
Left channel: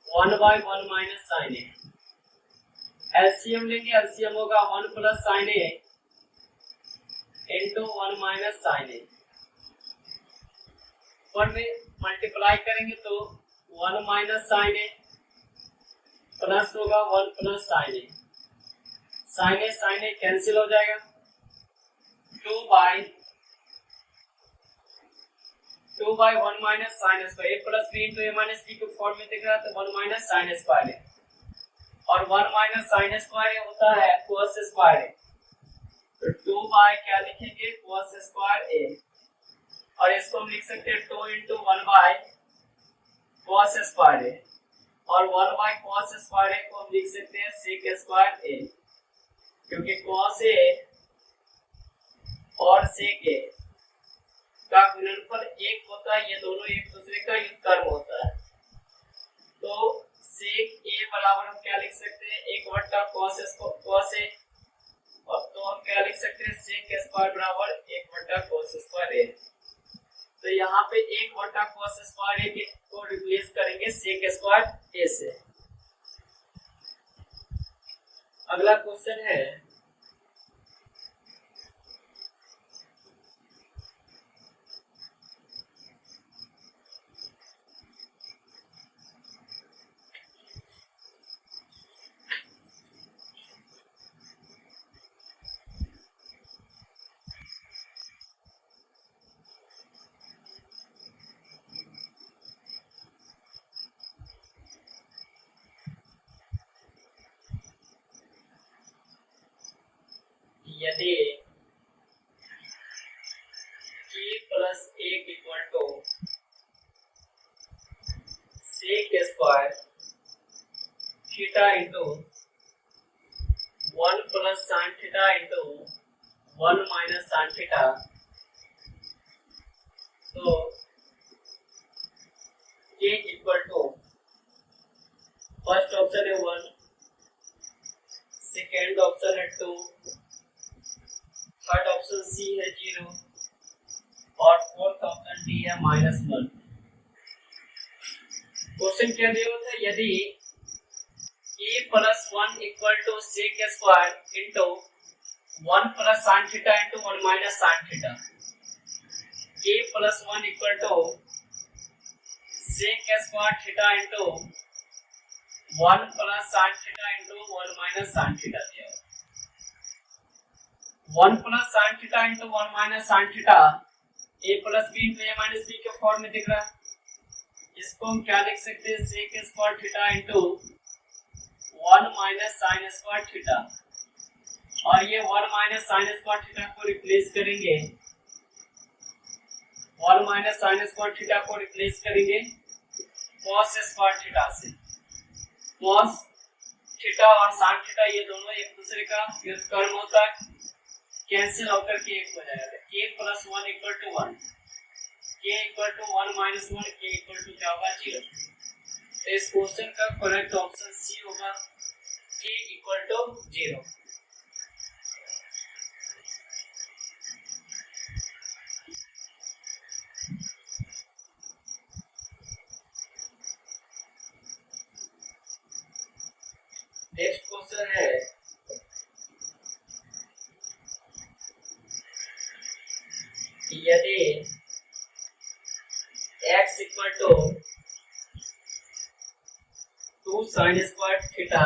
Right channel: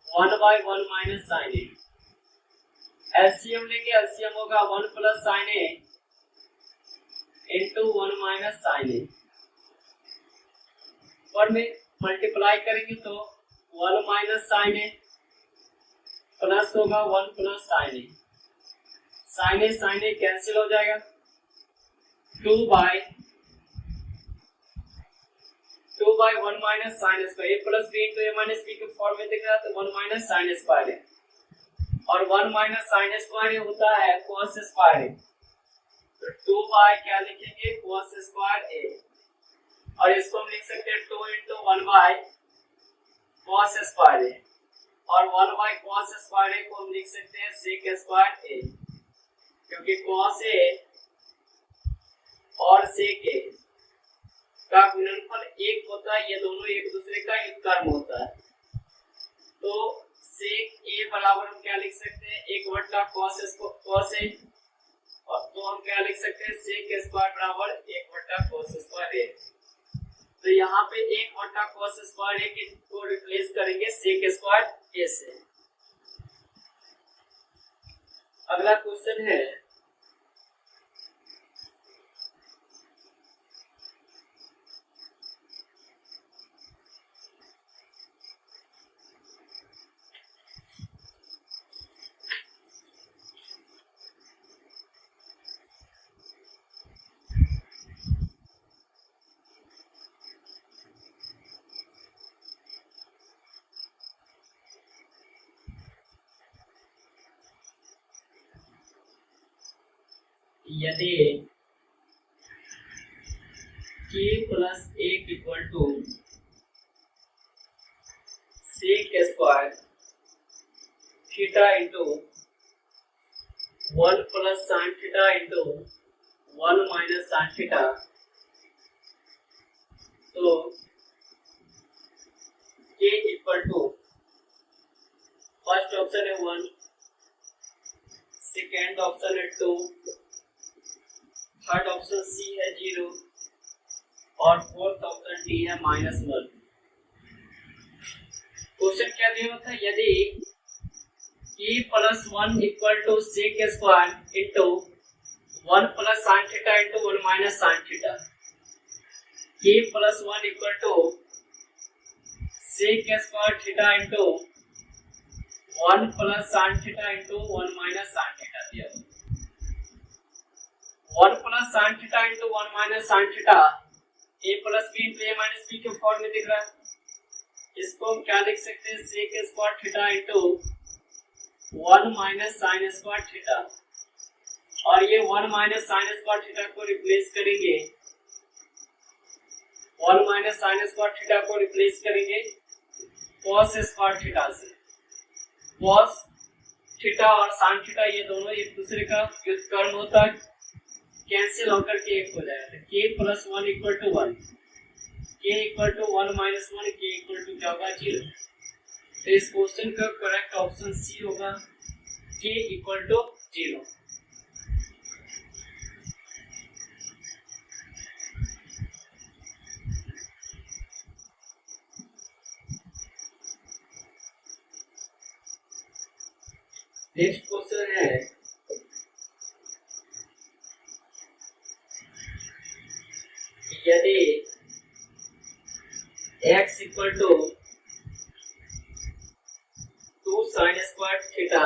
1 by 1 minus sin A. LCM लेंगे, एलसीएम होगा 1 plus sign A into 1 minus sin A, और में मल्टीप्लाई करेंगे तो 1 माइनस साइन ए प्लस होगा 1 प्लस साइन ए, साइन ए कैंसिल हो जाएगा, 2 bye 1 minus sign square, a plus B into A minus B के फॉर्म में दिख रहा है तो 1 माइनस साइन स्क्वायर है, और 1 माइनस साइन स्क्वायर होता है कोस स्क्वायर ए, तो 2 बाय क्या लिखेंगे कोस स्क्वायर ए, और इसको हम लिख सकते हैं 2 into 1 by cos square a, और 1 बाय कोस स्क्वायर ए को हम लिख सकते हैं सेक स्क्वायर ए, क्योंकि कोस ए और सेक ए का गुणनफल एक होता है, ये दोनों एक दूसरे का ही कर्म होता है, तो सेक ए बराबर हम क्या लिख सकते हैं 1 बटा cos ए, और तो हम क्या लिख सकते हैं सेक स्क्वायर बराबर 1 बटा cos स्क्वायर ए। तो यहाँ पे 1 बटा cos स्क्वायर ए को रिप्लेस करेंगे सेक स्क्वायर ए से। अगला क्वेश्चन है यदि k plus 1 equal to sec square theta into 1 plus sign theta into 1 minus sign theta, तो k equal to first option है 1, सेकेंड ऑप्शन है 2, थर्ड ऑप्शन सी है 0, और फोर्थ ऑप्शन डी है -1। क्वेश्चन क्या दिया था, यदि k plus 1 equal to sec square into 1 plus sign theta into 1 minus sign theta, k plus 1 equal to sec square theta into 1 plus sign theta into 1 minus sign theta दिया। 1 plus sign theta into 1 minus sign theta a plus B into A minus B के form में दिख रहा है, इसको हम क्या लिख सकते हैं sec square theta into 1 minus sign square theta, और ये 1 माइनस साइन स्क्वायर थीटा को रिप्लेस करेंगे, 1 माइनस साइन स्क्वायर थीटा को रिप्लेस करेंगे cos स्क्वायर थीटा से। cos थीटा और साइन थीटा ये दोनों एक दूसरे का व्युत्क्रम होता है, कैंसिल होकर के एक हो जाएगा, k plus 1 equal to 1, k equal to 1 minus 1, k equal to क्या होगा 0। तो इस क्वेश्चन का करेक्ट ऑप्शन सी होगा k equal to 0। Next question है यदि x equal to 2 sine square theta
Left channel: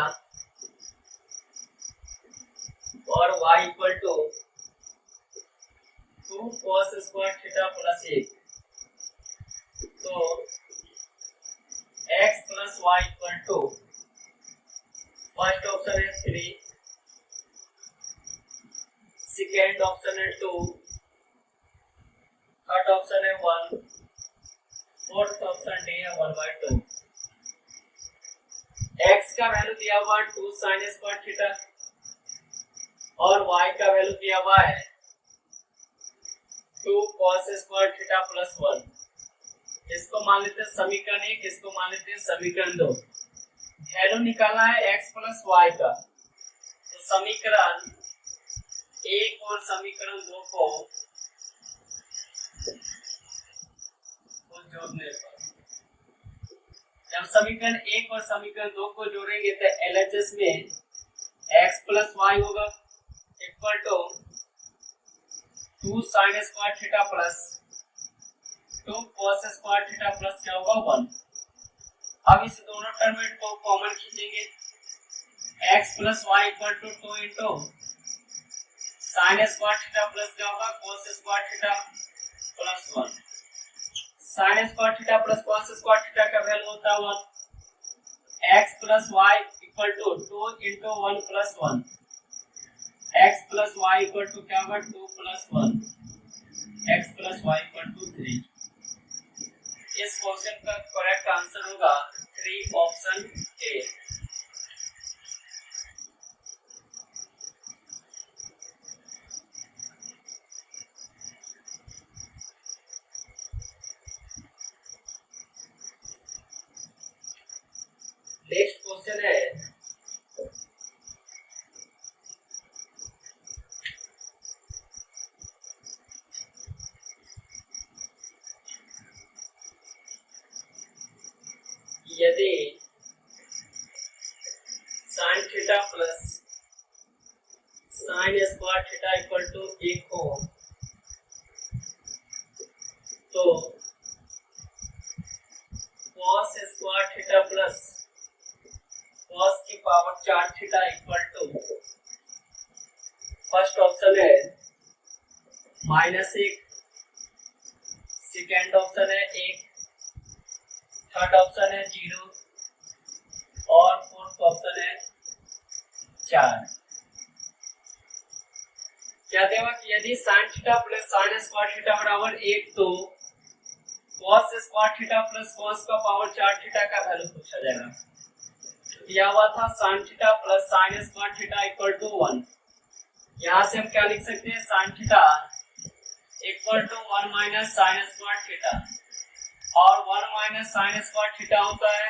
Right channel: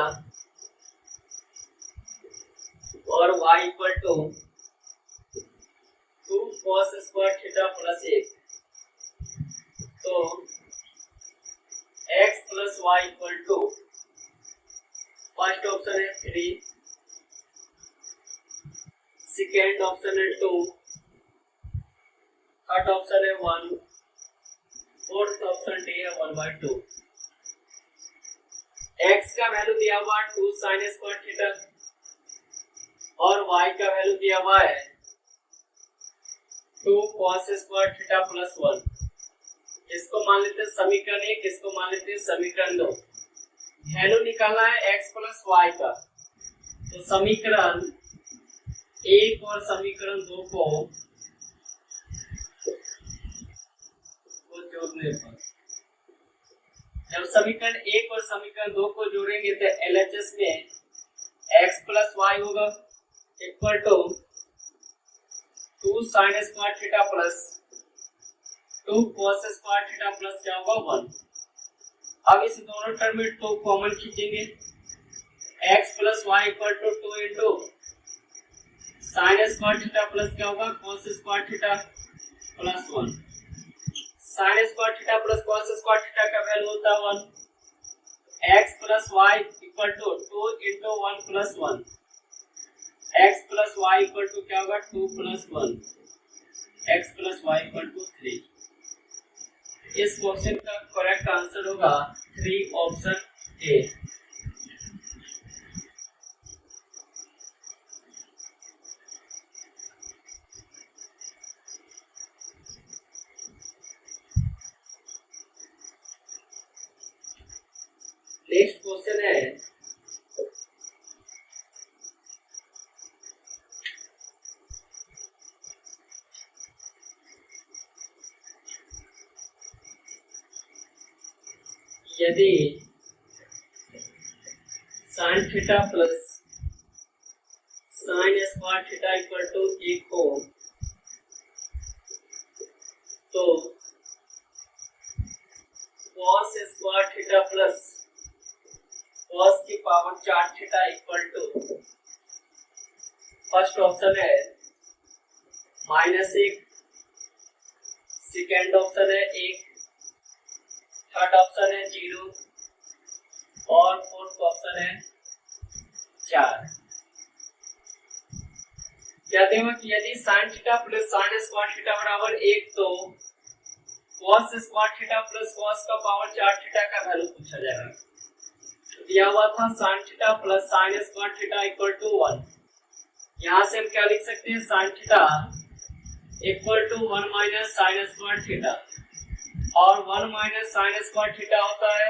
और y equal to 2 cos square theta plus 1, तो x plus y equal to first option है 3, सेकेंड ऑप्शन है 2, third option है 1, fourth option D है 1/2। x का value दिया हुआ 2 साइन स्क्वायर थीटा और y का वैल्यू दिया हुआ है 2 cos स्क्वायर थीटा प्लस 1। इसको मान लेते हैं समीकरण 1, इसको मान लेते हैं समीकरण 2। वैल्यू निकालना है x प्लस y का, तो समीकरण 1 और समीकरण 2 को जोड़ने पर, जब समीकरण 1 और समीकरण 2 को जोड़ेंगे तो LHS में x प्लस वाई होगा equal to 2 sine square theta plus 2 cos square theta plus क्या होगा 1। अब इस दोनों टर्म में 2 कॉमन खींचेंगे, x plus y equal to 2 into sine square theta plus क्या होगा cos square theta plus 1। Sign square theta plus cos square theta का वैल्यू होता है 1। x plus y equal to 2 into 1 plus 1, x plus y equal to क्या होगा 2 plus 1, x plus y equal to 3। इस question का correct answer होगा 3 option A. Next question है यदि sine theta plus sign square theta equal to 1 हो तो cos square theta plus cos की power 4 theta equal to first option है -1, second option है 1, थर्ड ऑप्शन है 0 और फोर्थ ऑप्शन है 4। कहते हैं कि यदि sin theta plus sin square theta बराबर 1 तो cos square theta plus cos का पावर 4 थीटा का वैल्यू पूछा जाएगा। दिया हुआ था sin theta plus sin square theta equal to 1। यहाँ से हम क्या लिख सकते हैं sin theta equal to 1 minus sin square theta और 1 माइनस sin स्क्वायर थीटा होता है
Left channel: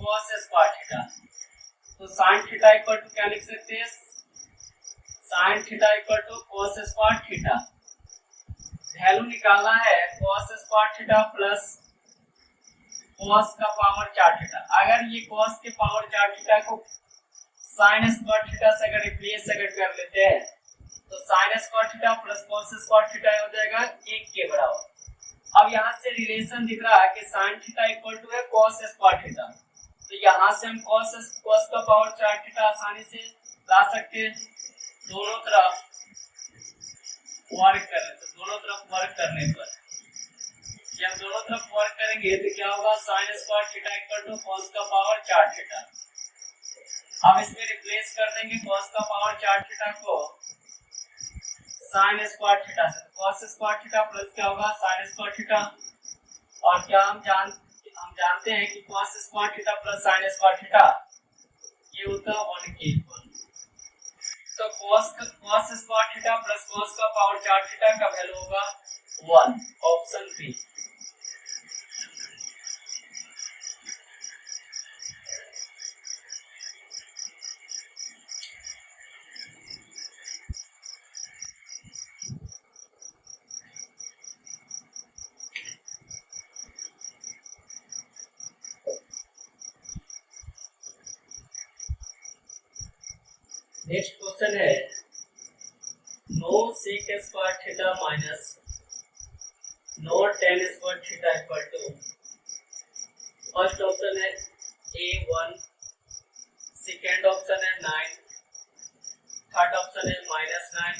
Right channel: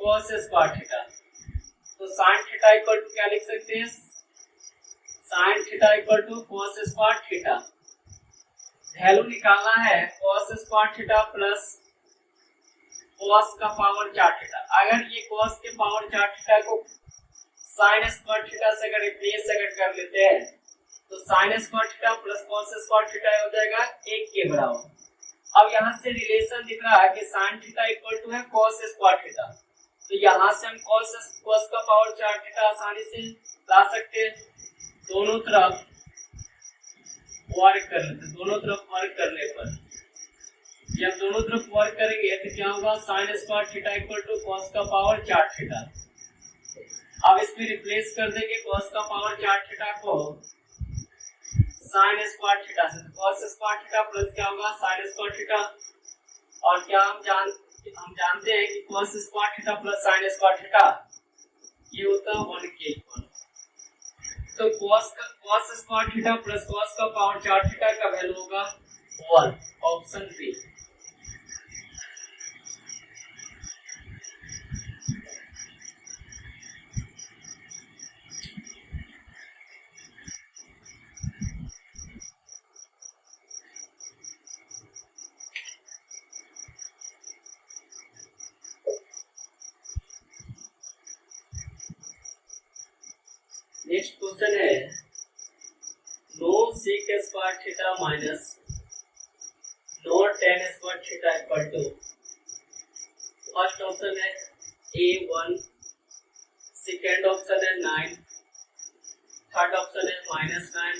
cos स्क्वायर थीटा। तो sin थीटा इक्वल टू क्या लिख सकते हैं sin theta equal to cos square theta. Value निकालना है cos square theta plus cos का पावर 4 थीटा। अगर ये cos के पावर 4 थीटा को sin स्क्वायर थीटा से अगर रिप्लेस कर लेते हैं तो sin square theta plus cos square theta हो जाएगा 1 के बराबर। अब यहाँ से रिलेशन दिख रहा है कि sin थीटा इक्वल टू है cos स्क्वायर थीटा, तो यहाँ से हम cos का पावर 4 थीटा आसानी से ला सकते हैं। दोनों तरफ वर्क कर लेते हैं, दोनों तरफ वर्क करने पर जब दोनों तरफ वर्क करेंगे तो क्या होगा sin square theta equal to cos का पावर 4 थीटा। अब इसमें रिप्लेस कर देंगे cos का पावर 4 थीटा को sin स्क्वायर थीटा से, तो cos स्क्वायर थीटा प्लस क्या होगा sin स्क्वायर थीटा। और क्या हम जानते हैं कि cos square theta plus sin square theta ये होता है 1 के इक्वल। तो cos square theta plus cos का पावर 4 थीटा का वैल्यू होगा 1, ऑप्शन बी। नेक्स्ट क्वेश्चन है नो sec square theta minus theta equal to, first option है A1, सेकेंड ऑप्शन है 9, थर्ड ऑप्शन है -9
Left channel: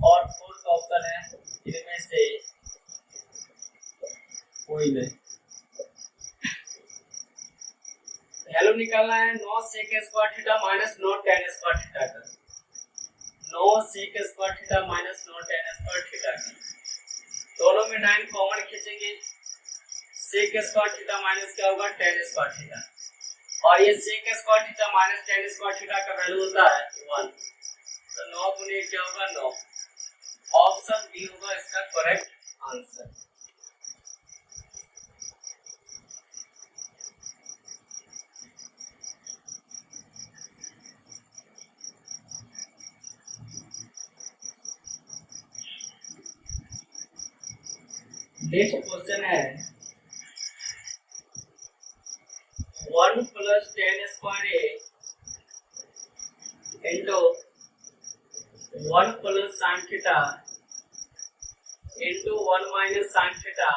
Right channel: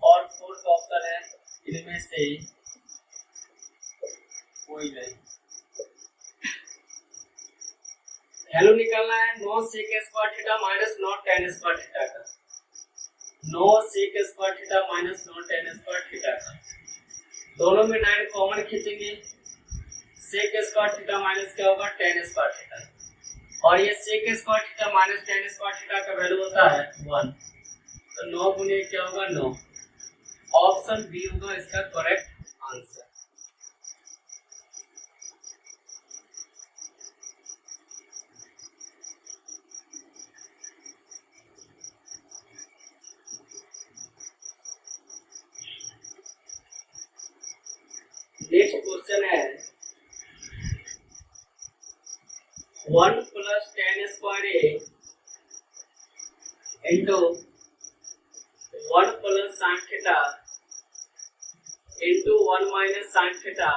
और फोर्थ ऑप्शन है इनमें से कोई नहीं। वैल्यू निकालना है 9 sec square theta minus 9 tan square theta का, 9 sec square theta minus 9 tan square theta का। दोनों में 9 कॉमन खींचेंगे, sec स्क्वायर थीटा माइनस क्या होगा tan स्क्वायर थीटा, और ये sec square theta minus tan square theta का वैल्यू होता है 1, तो 9 गुने क्या होगा 9। ऑप्शन बी होगा इसका करेक्ट आंसर। नेक्स्ट क्वेश्चन है 1 plus tan square a into 1 plus sign theta into 1 minus sign theta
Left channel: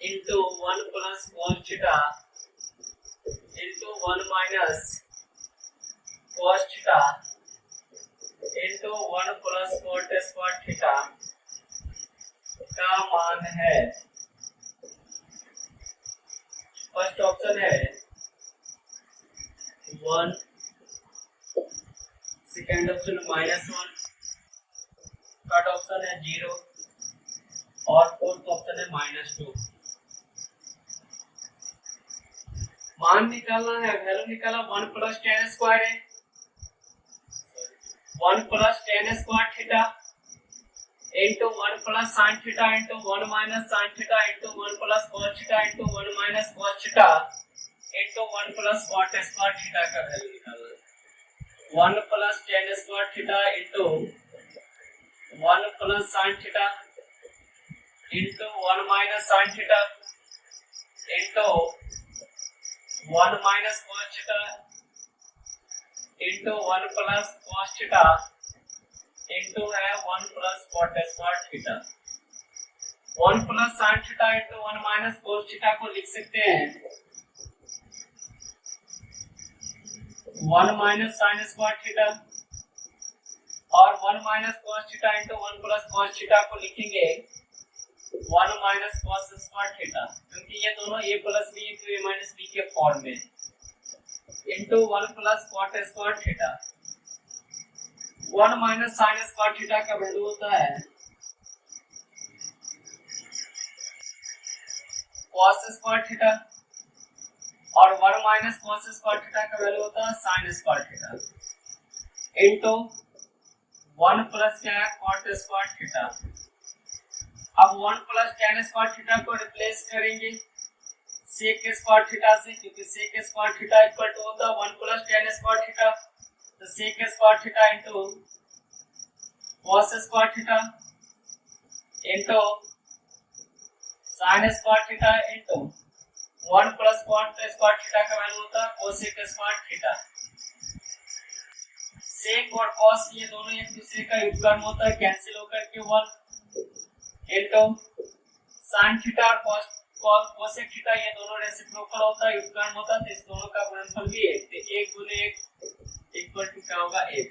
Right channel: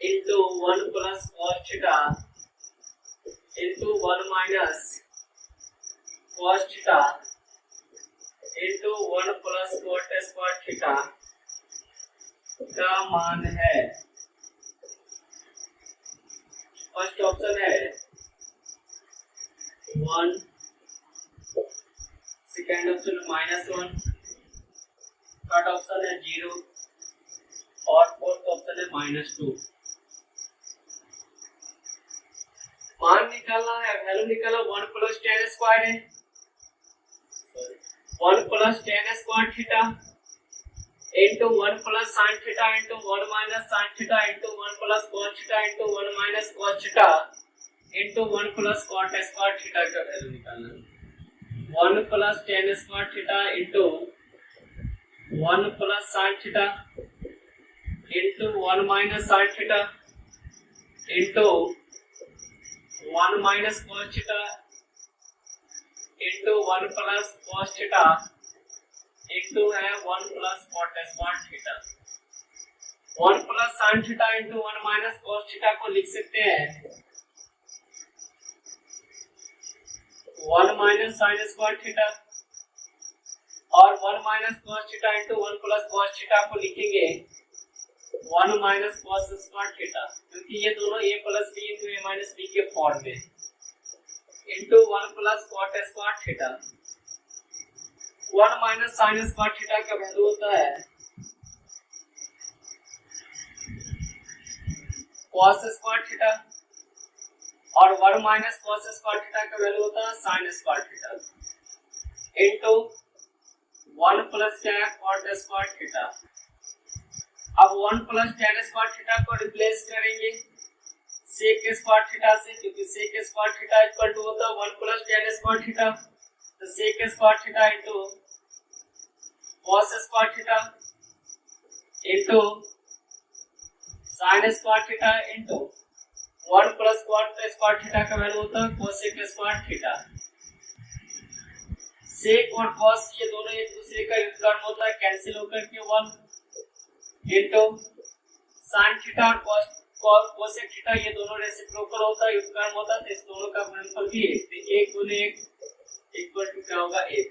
into 1 plus cos theta into 1 minus cos theta into 1 plus cot square theta का मान है। First option है 1, second option -1, third option है 0 और fourth option है -2। मान निकालना है, वैल्यू निकाला 1 प्लस tan स्क्वायर है, 1 plus tan square theta into 1 plus sign theta into 1 minus sign theta into 1 plus cos theta into 1 minus cos theta into 1 plus cot square theta का value निकालना है। 1 plus tan square theta into 1 plus sign theta into 1 minus sign theta into 1 minus cos theta into 1 plus cos theta into है 1 plus cot square theta. 1 plus sign theta into 1 minus cos theta को लिख सकते हैं 1 minus sign square theta, और 1 minus cos theta into 1 plus cos theta को लिखेंगे 1 minus cos square theta, क्योंकि ये दोनों a plus b into a minus b के फॉर्म में, into 1 plus cot square theta. 1 minus sign square theta का value होता है कॉस स्क्वायर थीटा, और 1 माइनस कॉस स्क्वायर थीटा का वैल्यू होता है sine square theta, into 1 plus क्या है कॉट स्क्वायर थीटा। अब 1 प्लस tan स्क्वायर थीटा को रिप्लेस करेंगे sec स्क्वायर थीटा से, क्योंकि sec square theta equal to होता है 1 प्लस tan स्क्वायर थीटा, तो sec square theta into cos square theta into sin square theta into 1 plus cot square theta का value होता है cosec स्क्वायर थीटा। sec और cos ये दोनों एक दूसरे का व्युत्क्रम होता है, कैंसिल होकर के 1 इंटू sin थीटा और cosec थीटा ये दोनों रेसिप्रोकल होता है, व्युत्क्रम होता है, तो इस दोनों का गुणनफल भी 1, तो 1 गुने 1 इक्वल टू क्या होगा 1।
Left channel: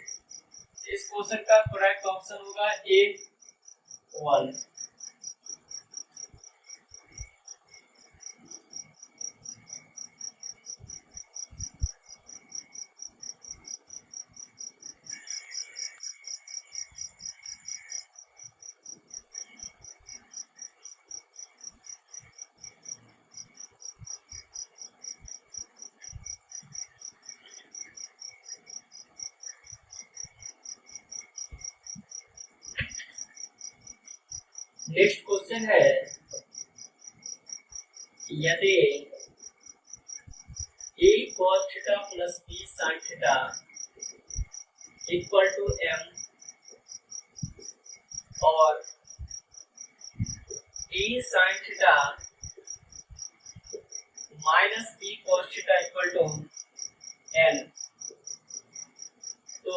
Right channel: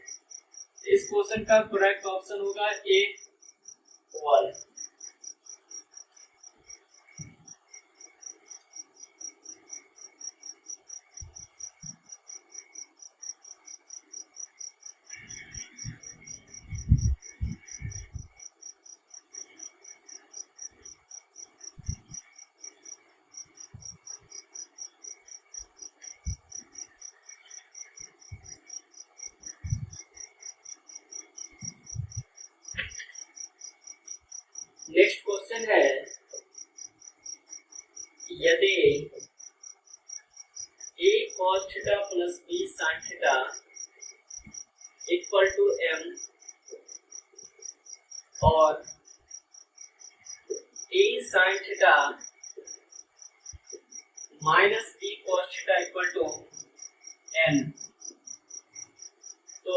इस क्वेश्चन का करेक्ट ऑप्शन होगा A1। नेक्स्ट क्वेश्चन है यदि a cos theta plus b sin theta equal to m और a sin theta minus b cos theta equal to n, तो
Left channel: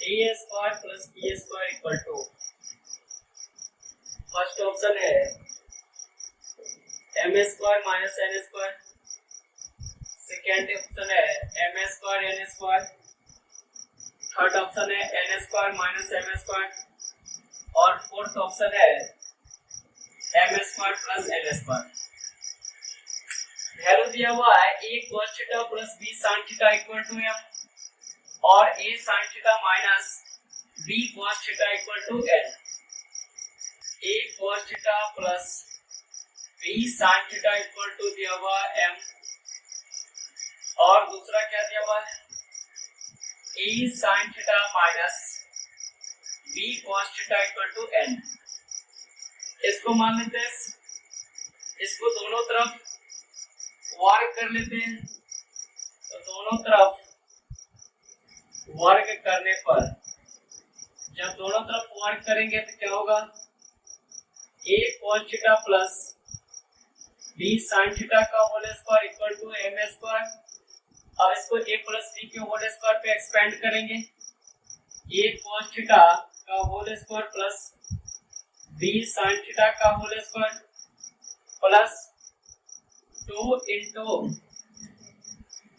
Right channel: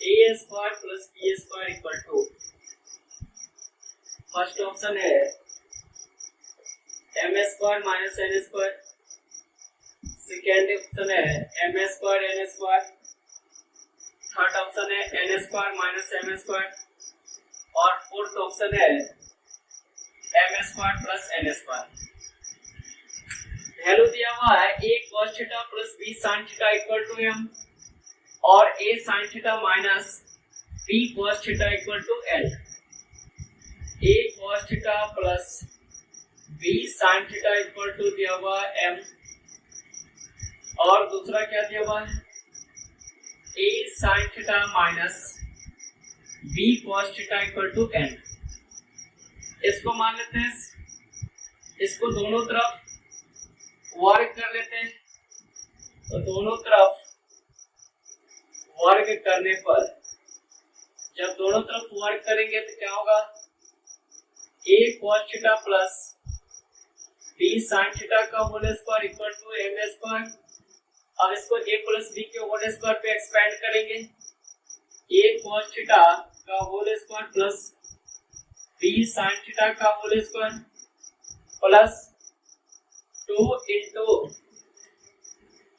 a square plus b square equal to first option है m square minus n square, second option है m square n square, third option है n square minus m square और fourth option है m square plus n square. Value दिया हुआ है a cos theta plus b sin theta equal to m और a sin theta minus b cos theta equal to l। a cos theta plus b sin theta equal to दिया हुआ है m और दूसरा क्या दिया हुआ है a sin theta minus b cos theta equal to n। इसको मान लेते हैं, इसको दोनों तरफ वर्ग कर लेते हैं। तो दोनों तरफ वर्ग करने पर जब दोनों तरफ वर्ग करेंगे तो क्या होगा a cos theta plus b sin theta का whole square equal to m square और इसको a प्लस b के होल स्क्वायर पे एक्सपेंड करेंगे। a cos थीटा का whole square plus b sin theta का whole square plus 2 into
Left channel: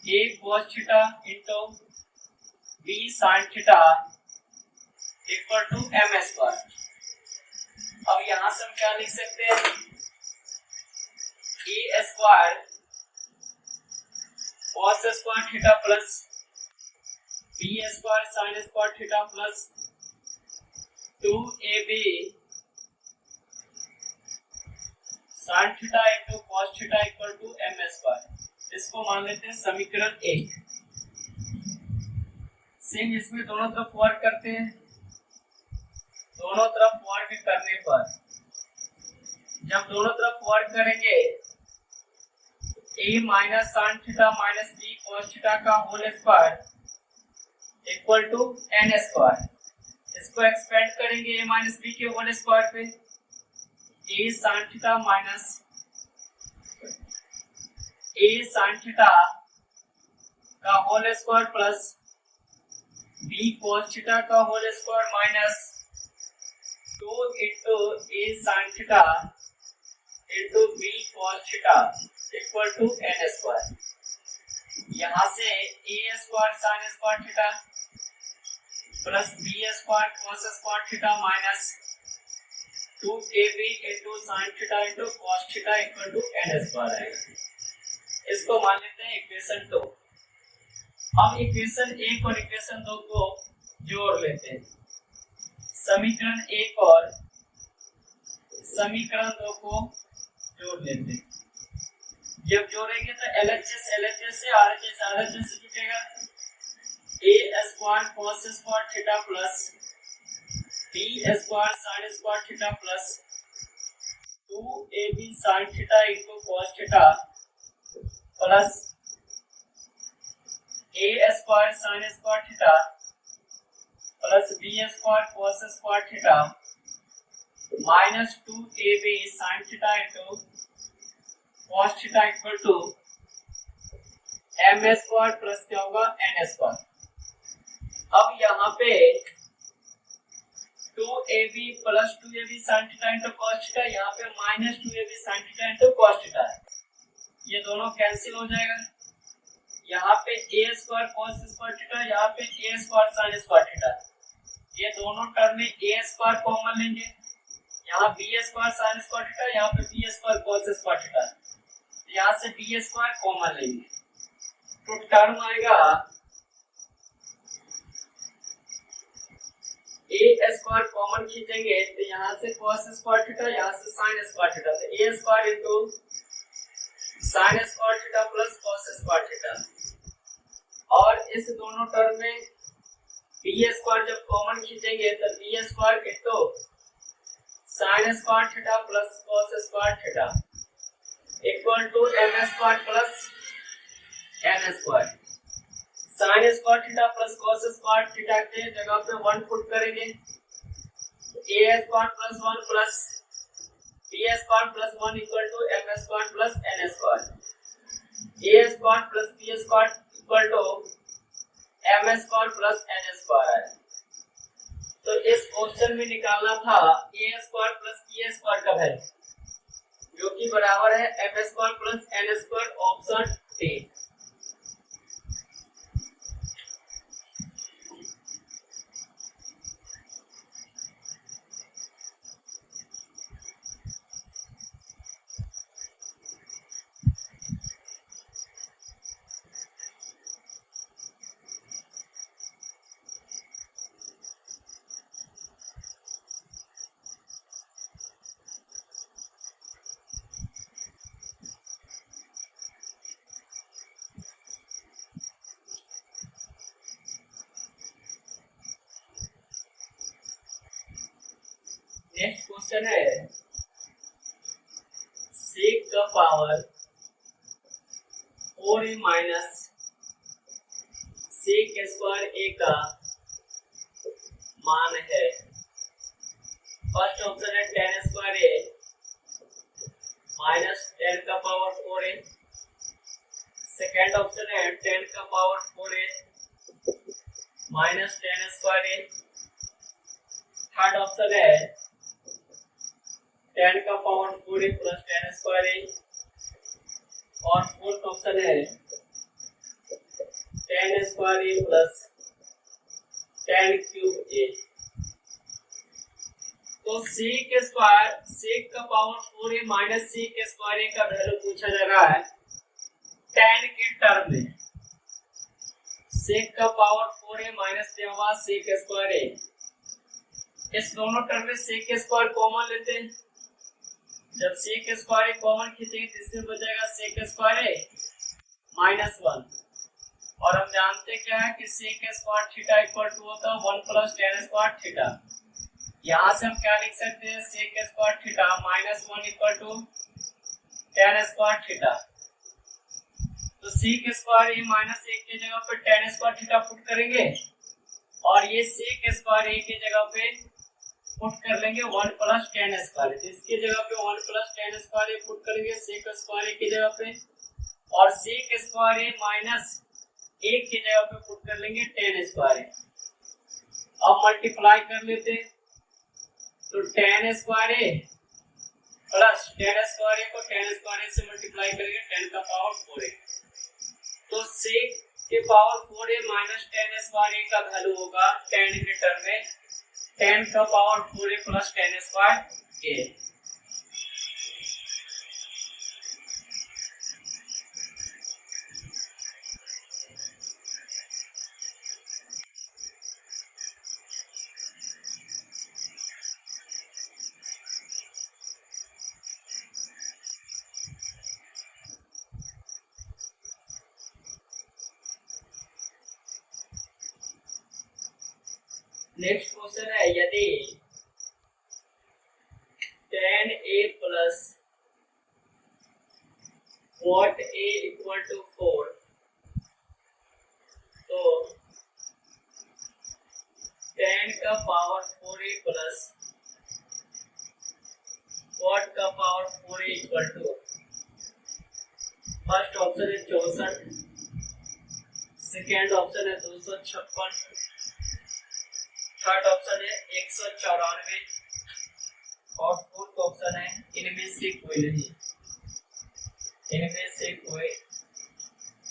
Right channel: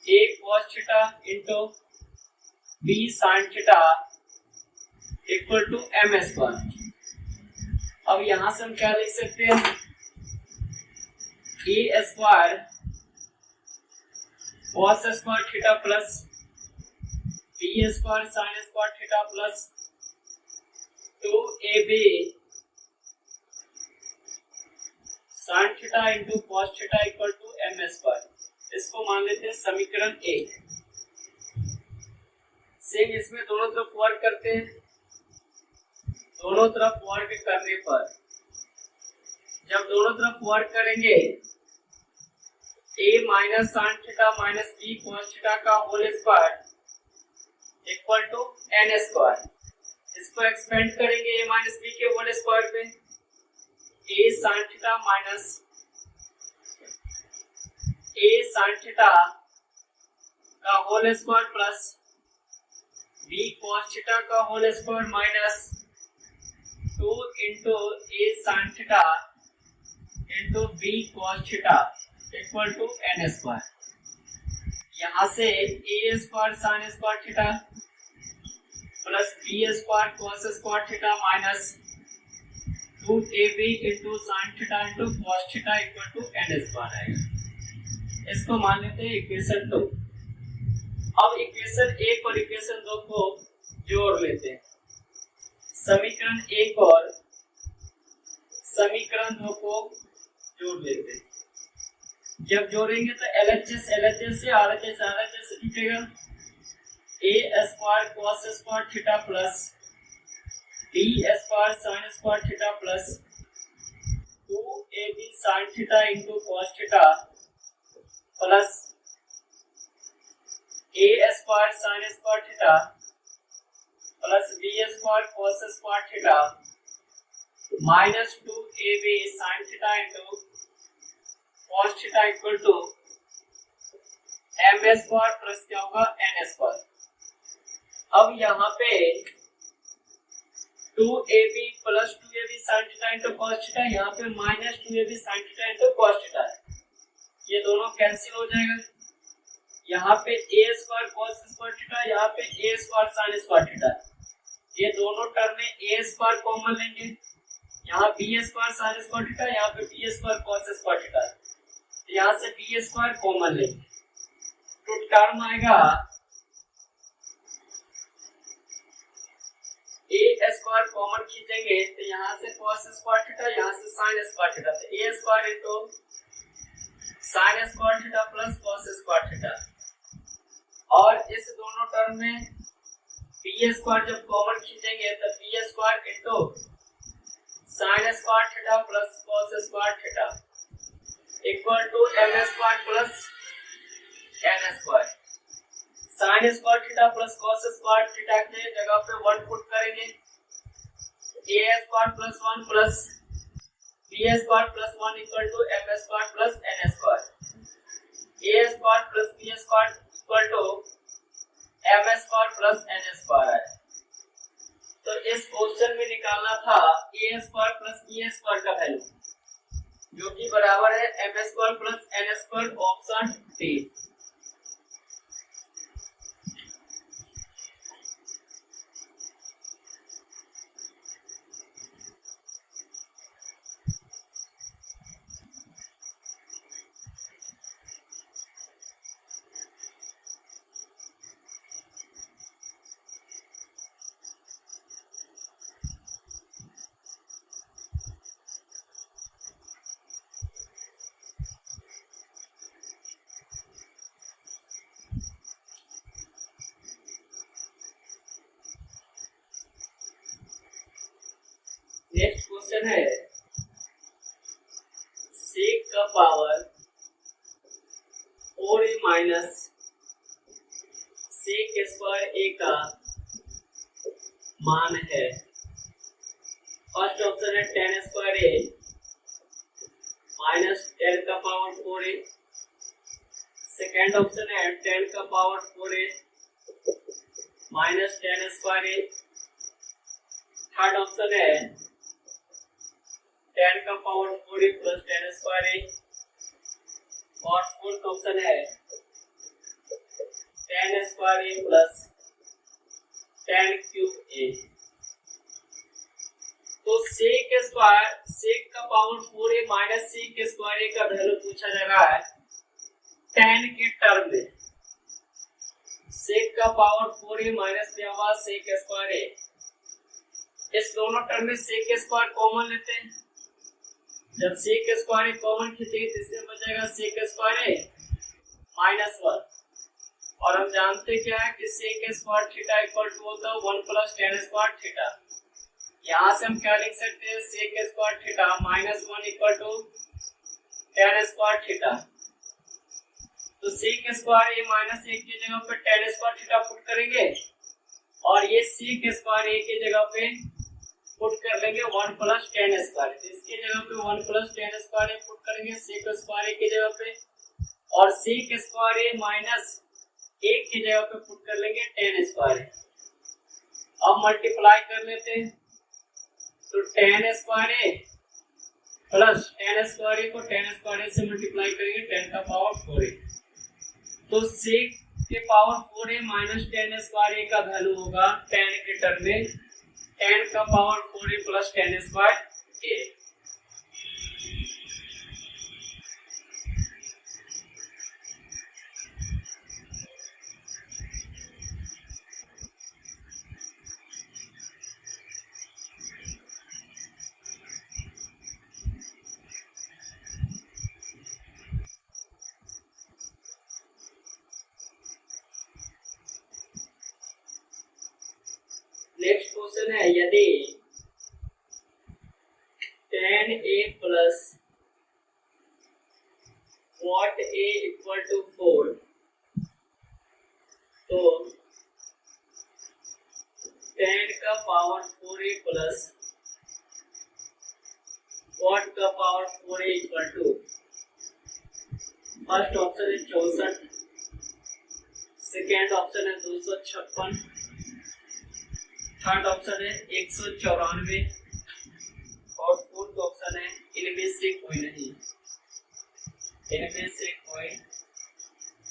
a cos theta into b sin theta equal to m square. अब यहां से हम क्या लिख सकते हैं a square cos square theta plus b square sin square theta plus 2ab sin theta into cos theta equal to m square. इसको मान लेते हैं समीकरण 1। सेम इसमें दोनों तरफ वर्ग करते हैं। दोनों तरफ वर्ग करने पर जब दोनों तरफ वर्ग करेंगे a minus sin theta minus b cos theta का whole square equal to n square. इसको एक्सपेंड करेंगे a माइनस b के होल स्क्वायर पे a sin theta minus a sin theta का whole square plus b cos theta का whole square minus 2 into a sin theta into b cos theta equal to n square. यहाँ से a square sin square theta plus b square cos square theta minus 2ab into sin theta into cos theta equal to n square आएगा। इसको मान लेते हैं equation 2। अब equation 1 और equation 2 को जोड़ लेते हैं। समीकरण 1 और समीकरण 2 को जोड़ लेते हैं। जब जोड़ेंगे तो LHS LHS से RHS RHS से जुटेगा a square cos square theta plus b square sin square theta plus 2ab sin theta into cos theta plus a square sin square theta plus b square cos square theta minus 2ab sin theta into cos theta equal to m square plus क्या होगा n square. अब यहाँ पे 2ab plus 2ab sin theta into cos theta, यहाँ पे minus 2ab sin theta into cos theta है। ये दोनों कैंसिल हो जाएगा। यहाँ पे a square cos square theta, यहाँ पे a square sin square theta. ये दोनों टर्म में a स्क्वायर कॉमन लेंगे। यहाँ b square sin square theta, यहाँ पे b square cos square theta. यहाँ से b स्क्वायर कॉमन लेंगे तो टर्म आएगा a स्क्वायर कॉमन खींचेंगे तो यहाँ से cos स्क्वायर थीटा, यहाँ से sin स्क्वायर थीटा, तो a square into sin square theta plus cos square theta. और इस दोनों टर्म में b स्क्वायर जब कॉमन खींचेंगे तो b square into sin square theta plus cos square theta equal to m square plus n square. sin square theta plus cos square theta के जगह पे 1 पुट करेंगे a square plus 1 plus b square plus 1 equal to m square plus n square. a square plus b square equal to m square plus n square है। तो इस question में निकालना था a square plus b square का value, जो कि बराबर है m square plus n square, option D. Next question है सेक का power 4a minus sec square a का मान है। फर्स्ट ऑप्शन है tan square a minus tan का पावर 4a। सेकेंड ऑप्शन है tan का power 4a minus tan square a। Third option है tan का power 4a plus tan square a। और फोर्थ ऑप्शन है tan square a plus tan cube a। तो sec square, sec का power 4a minus sec square a का value पूछा जा रहा है tan के टर्म में। सेक का पावर 4a माइनस दिया हुआ सेक स्क्वायर a, इस दोनों टर्म में सेक स्क्वायर कॉमन लेते हैं। जब सेक स्क्वायर कॉमन खींचेंगे तो इसमें बचेगा सेक स्क्वायर माइनस 1। और हम जानते क्या है कि sec square theta equal to होता है 1 प्लस tan स्क्वायर थीटा। यहाँ से हम क्या लिख सकते हैं, sec square theta minus 1 equal to tan square theta. तो सेक स्क्वायर माइनस 1 की जगह पे tan स्क्वायर थीटा पुट करेंगे और ये सेक स्क्वायर की जगह पे पुट कर लेंगे 1 प्लस tan स्क्वायर। तो इसके जगह पे 1 प्लस tan स्क्वायर पुट करेंगे सेक स्क्वायर की जगह पे, और सेक स्क्वायर माइनस 1 की जगह पे पुट कर लेंगे tan स्क्वायर। अब मल्टीप्लाई कर लेते हैं, तो tan square plus tan square को tan स्क्वायर से मल्टीप्लाई करेंगे 10 का पावर 4a। तो सेक के power 4a minus tan square का वैल्यू होगा tan के टर्म में 10 का power 4a plus tan square a। Next question है यदि tan a plus cot a equal to 4, तो tan का पावर 4a प्लस cot का power 4a equal to, first option है 64, सेकेंड ऑप्शन है 256, थर्ड ऑप्शन है 194 और फोर्थ ऑप्शन है इनमें से कोई नहीं, इनमें से कोई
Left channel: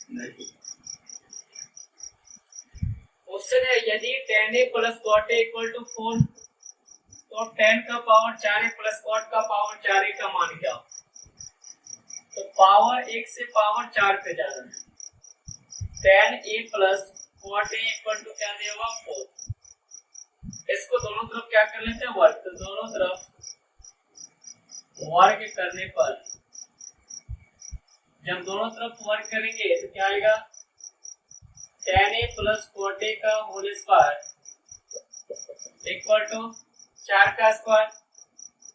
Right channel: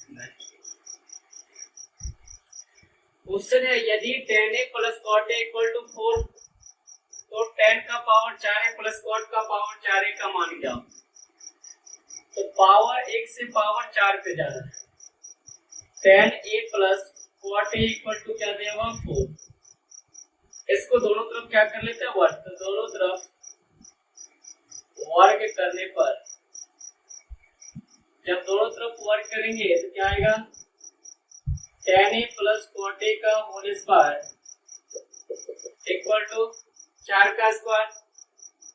नहीं। क्वेश्चन है यदि tan a plus cot a equal to 4, तो tan का पावर 4a प्लस cot का पावर 4a का मान क्या हो। तो पावर 1 से पावर 4 पे जा रहा है। tan a plus cot a equal to क्या देगा 4। इसको दोनों तरफ क्या कर लेते हैं वर्ग, तो दोनों तरफ वर्ग करने पर, जब दोनों तरफ वर्ग करेंगे तो क्या आएगा tan a plus cot a का होल स्क्वायर इक्वल टू 4 का स्क्वायर।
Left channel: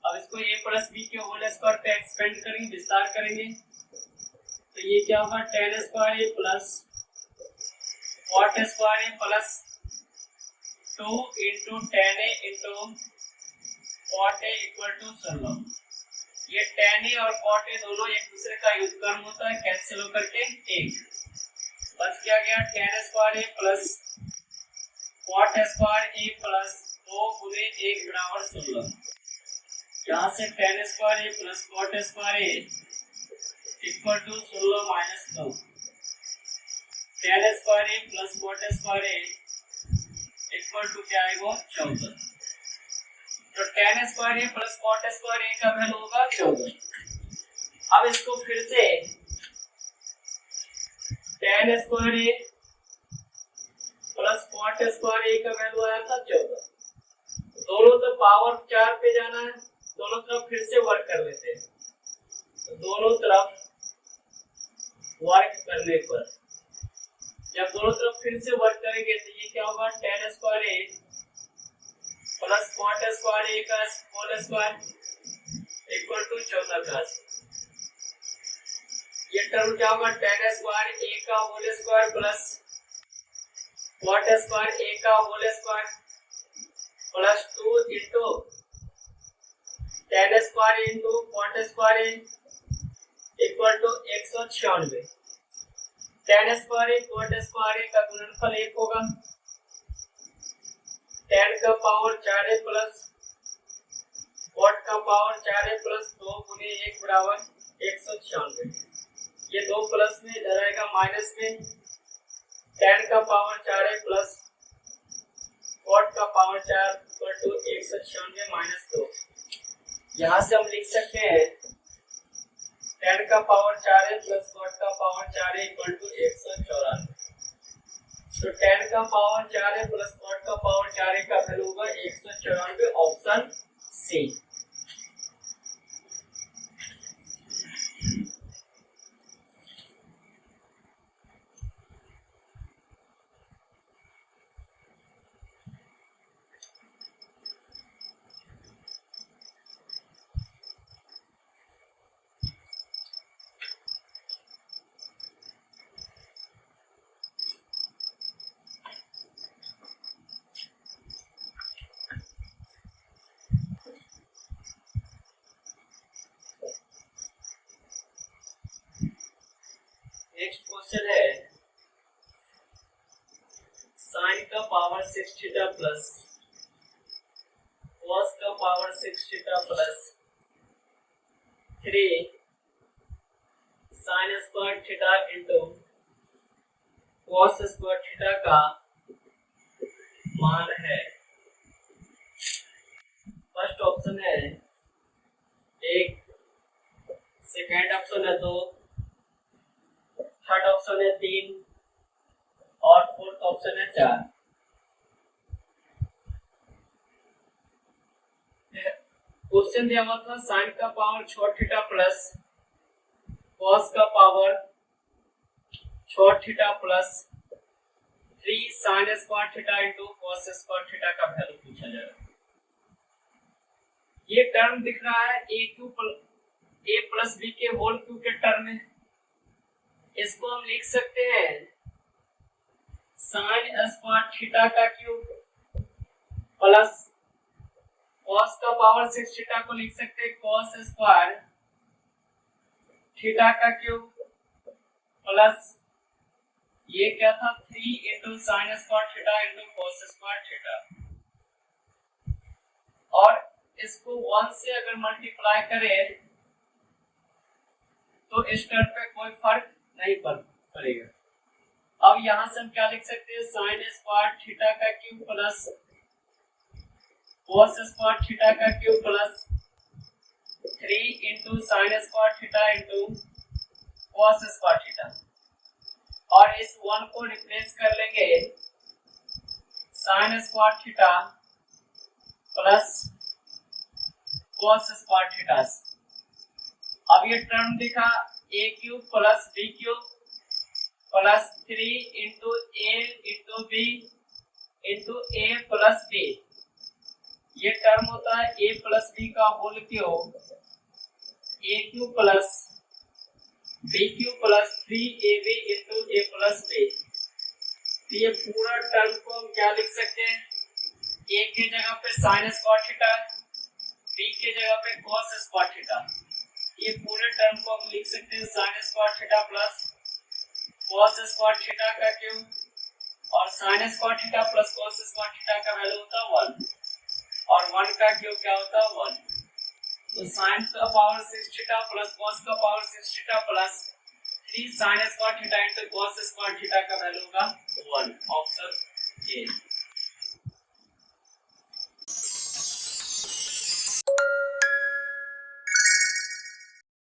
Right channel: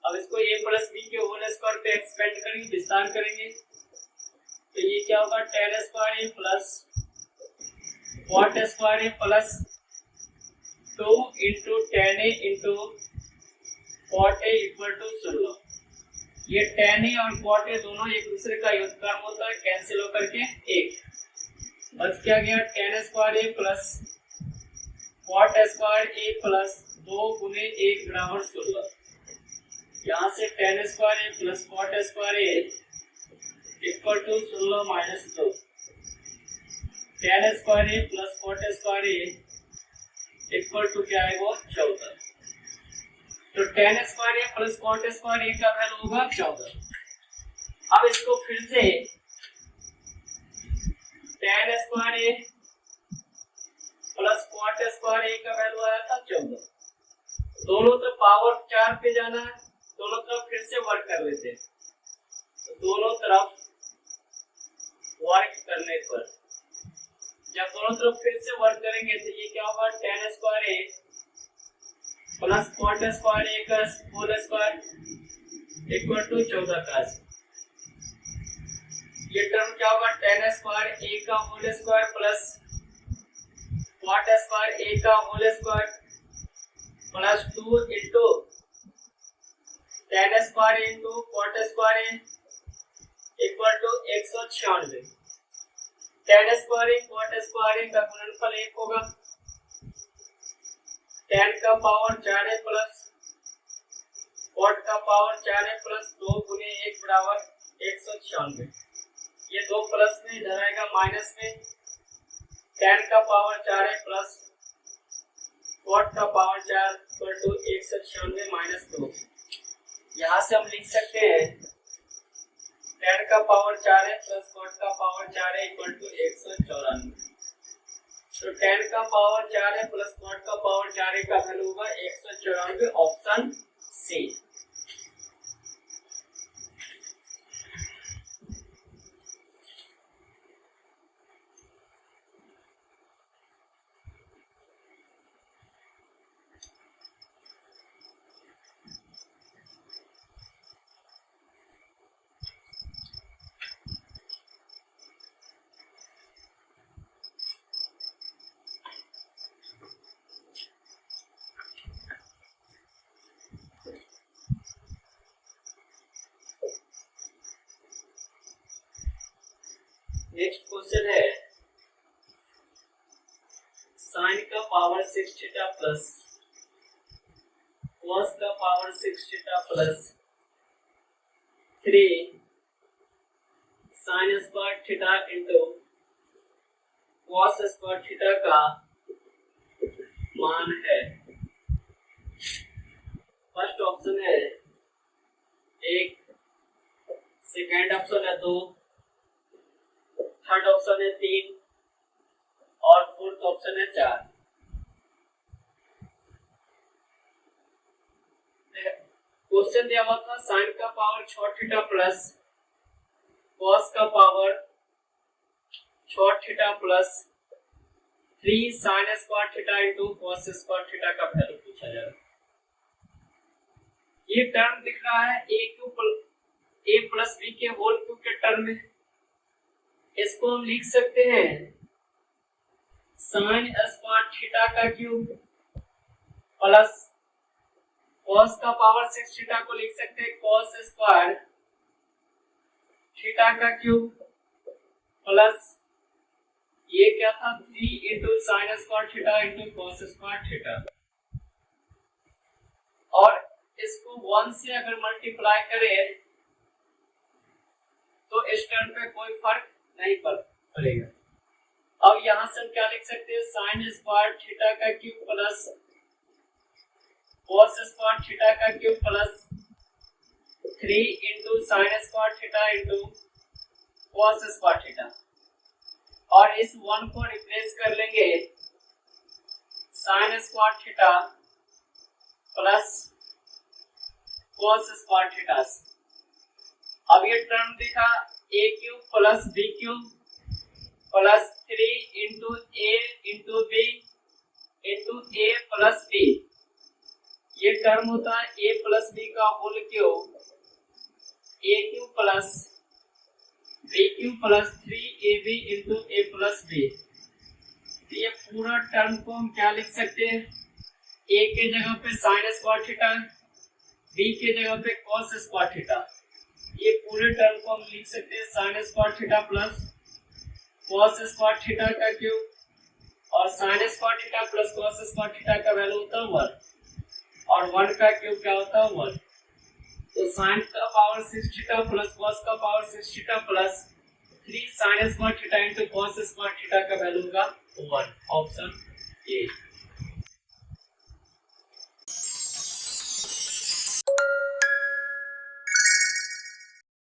अब इसको a प्लस b के होल स्क्वायर पे एक्सपेंड करेंगे, विस्तार करेंगे, तो ये क्या होगा tan square a plus cot square a plus 2 into tan a into cot a equal to 16। ये tan a और cot a दोनों एक दूसरे का व्युत्क्रम होता है, कैंसिल होकर के 1 बच क्या गया tan square a plus cot square a plus 2 गुने 1 बराबर 16। यहाँ से tan square a plus cot square A equal to 16 minus 2। tan square a plus cot square A equal to क्या है वो 14। तो tan square a plus cot square a का value होगा 14। अब इसको फिर से tan square a plus cot square a का वैल्यू आया था 14। दोनों तरफ पावर 4 पे जाना है, दोनों तरफ फिर से वर्क कर लेते हैं। तो दोनों तरफ वर्क करने पर जब दोनों तरफ फिर से वर्क करेंगे तो ये क्या होगा, tan square a plus cot square a का होल स्क्वायर इक्वल टू 14 का। ये टर्म क्या होगा, tan स्क्वायर ए का whole square plus cot square a का whole square plus 2 into tan square into cot square A equal to 196। tan square a cot square a का गुणनफल 1 होगा। tan का पावर 4 है प्लस कॉट का power 4 है plus 2 गुने 1 बराबर 196। ये 2 प्लस में इधर आएगा माइनस में। tan का पावर 4 है प्लस कॉट का पावर 4 इक्वल टू 196 माइनस 2। यहाँ से हम लिख सकते हैं tan का पावर 4 है प्लस कॉट का पावर 4 है इक्वल टू 194। तो tan का पावर 4 है प्लस कॉट का पावर 4 है का वैल्यू होगा 194, ऑप्शन सी। नेक्स्ट क्वेश्चन है साइन का पावर 6 थीटा प्लस कॉस का power 6 theta plus 3 sign square theta into cos square theta का मान है। फर्स्ट ऑप्शन है 1, सेकेंड ऑप्शन है 2, थर्ड ऑप्शन है 3 और फोर्थ ऑप्शन है 4। क्वेश्चन दिया हुआ था साइन का पावर 6 थीटा प्लस कॉस का power 6 theta plus 3 sign square theta into cos square theta का वैल्यू पूछा जा रहा है। ये टर्म दिख रहा है a प्लस b के होल क्यूब के टर्म में। इसको हम लिख सकते हैं साइन स्क्वायर थीटा का क्यूब प्लस कॉस का पावर 6 थीटा को लिख सकते हैं कॉस स्क्वायर थीटा का क्यूब प्लस ये क्या था 3 into sine square theta into cos square theta. और इसको 1 से अगर मल्टीप्लाई करें तो इस टर्म पे कोई फर्क नहीं पड़ेगा। अब यहां से हम क्या लिख सकते हैं साइन स्क्वायर थीटा का cube plus cos square theta का cube plus 3 into sine square theta into cos square theta. और इस 1 को रिप्लेस कर लेंगे sine square theta plus cos square theta. अब ये टर्म दिखा a cube plus b cube plus 3 into a into b into a plus b। ये term होता है a प्लस b का whole cube a cube plus b cube plus 3ab into a plus b। तो ये पूरा term को हम क्या लिख सकते हैं, a के जगह पे साइन स्क्वायर थीटा, b के जगह पे कॉस स्क्वायर थीटा। ये पूरे टर्म को हम लिख सकते हैं sign square theta plus cos square theta का क्यूब और sign square theta plus cos square theta का वैल्यू होता है 1। 1 का क्यूब क्या होता है 1। तो साइन का पावर 6 थीटा प्लस कॉस का power 6 theta plus 3 sign square theta into cos square theta का वैल्यू होगा 1। Option A.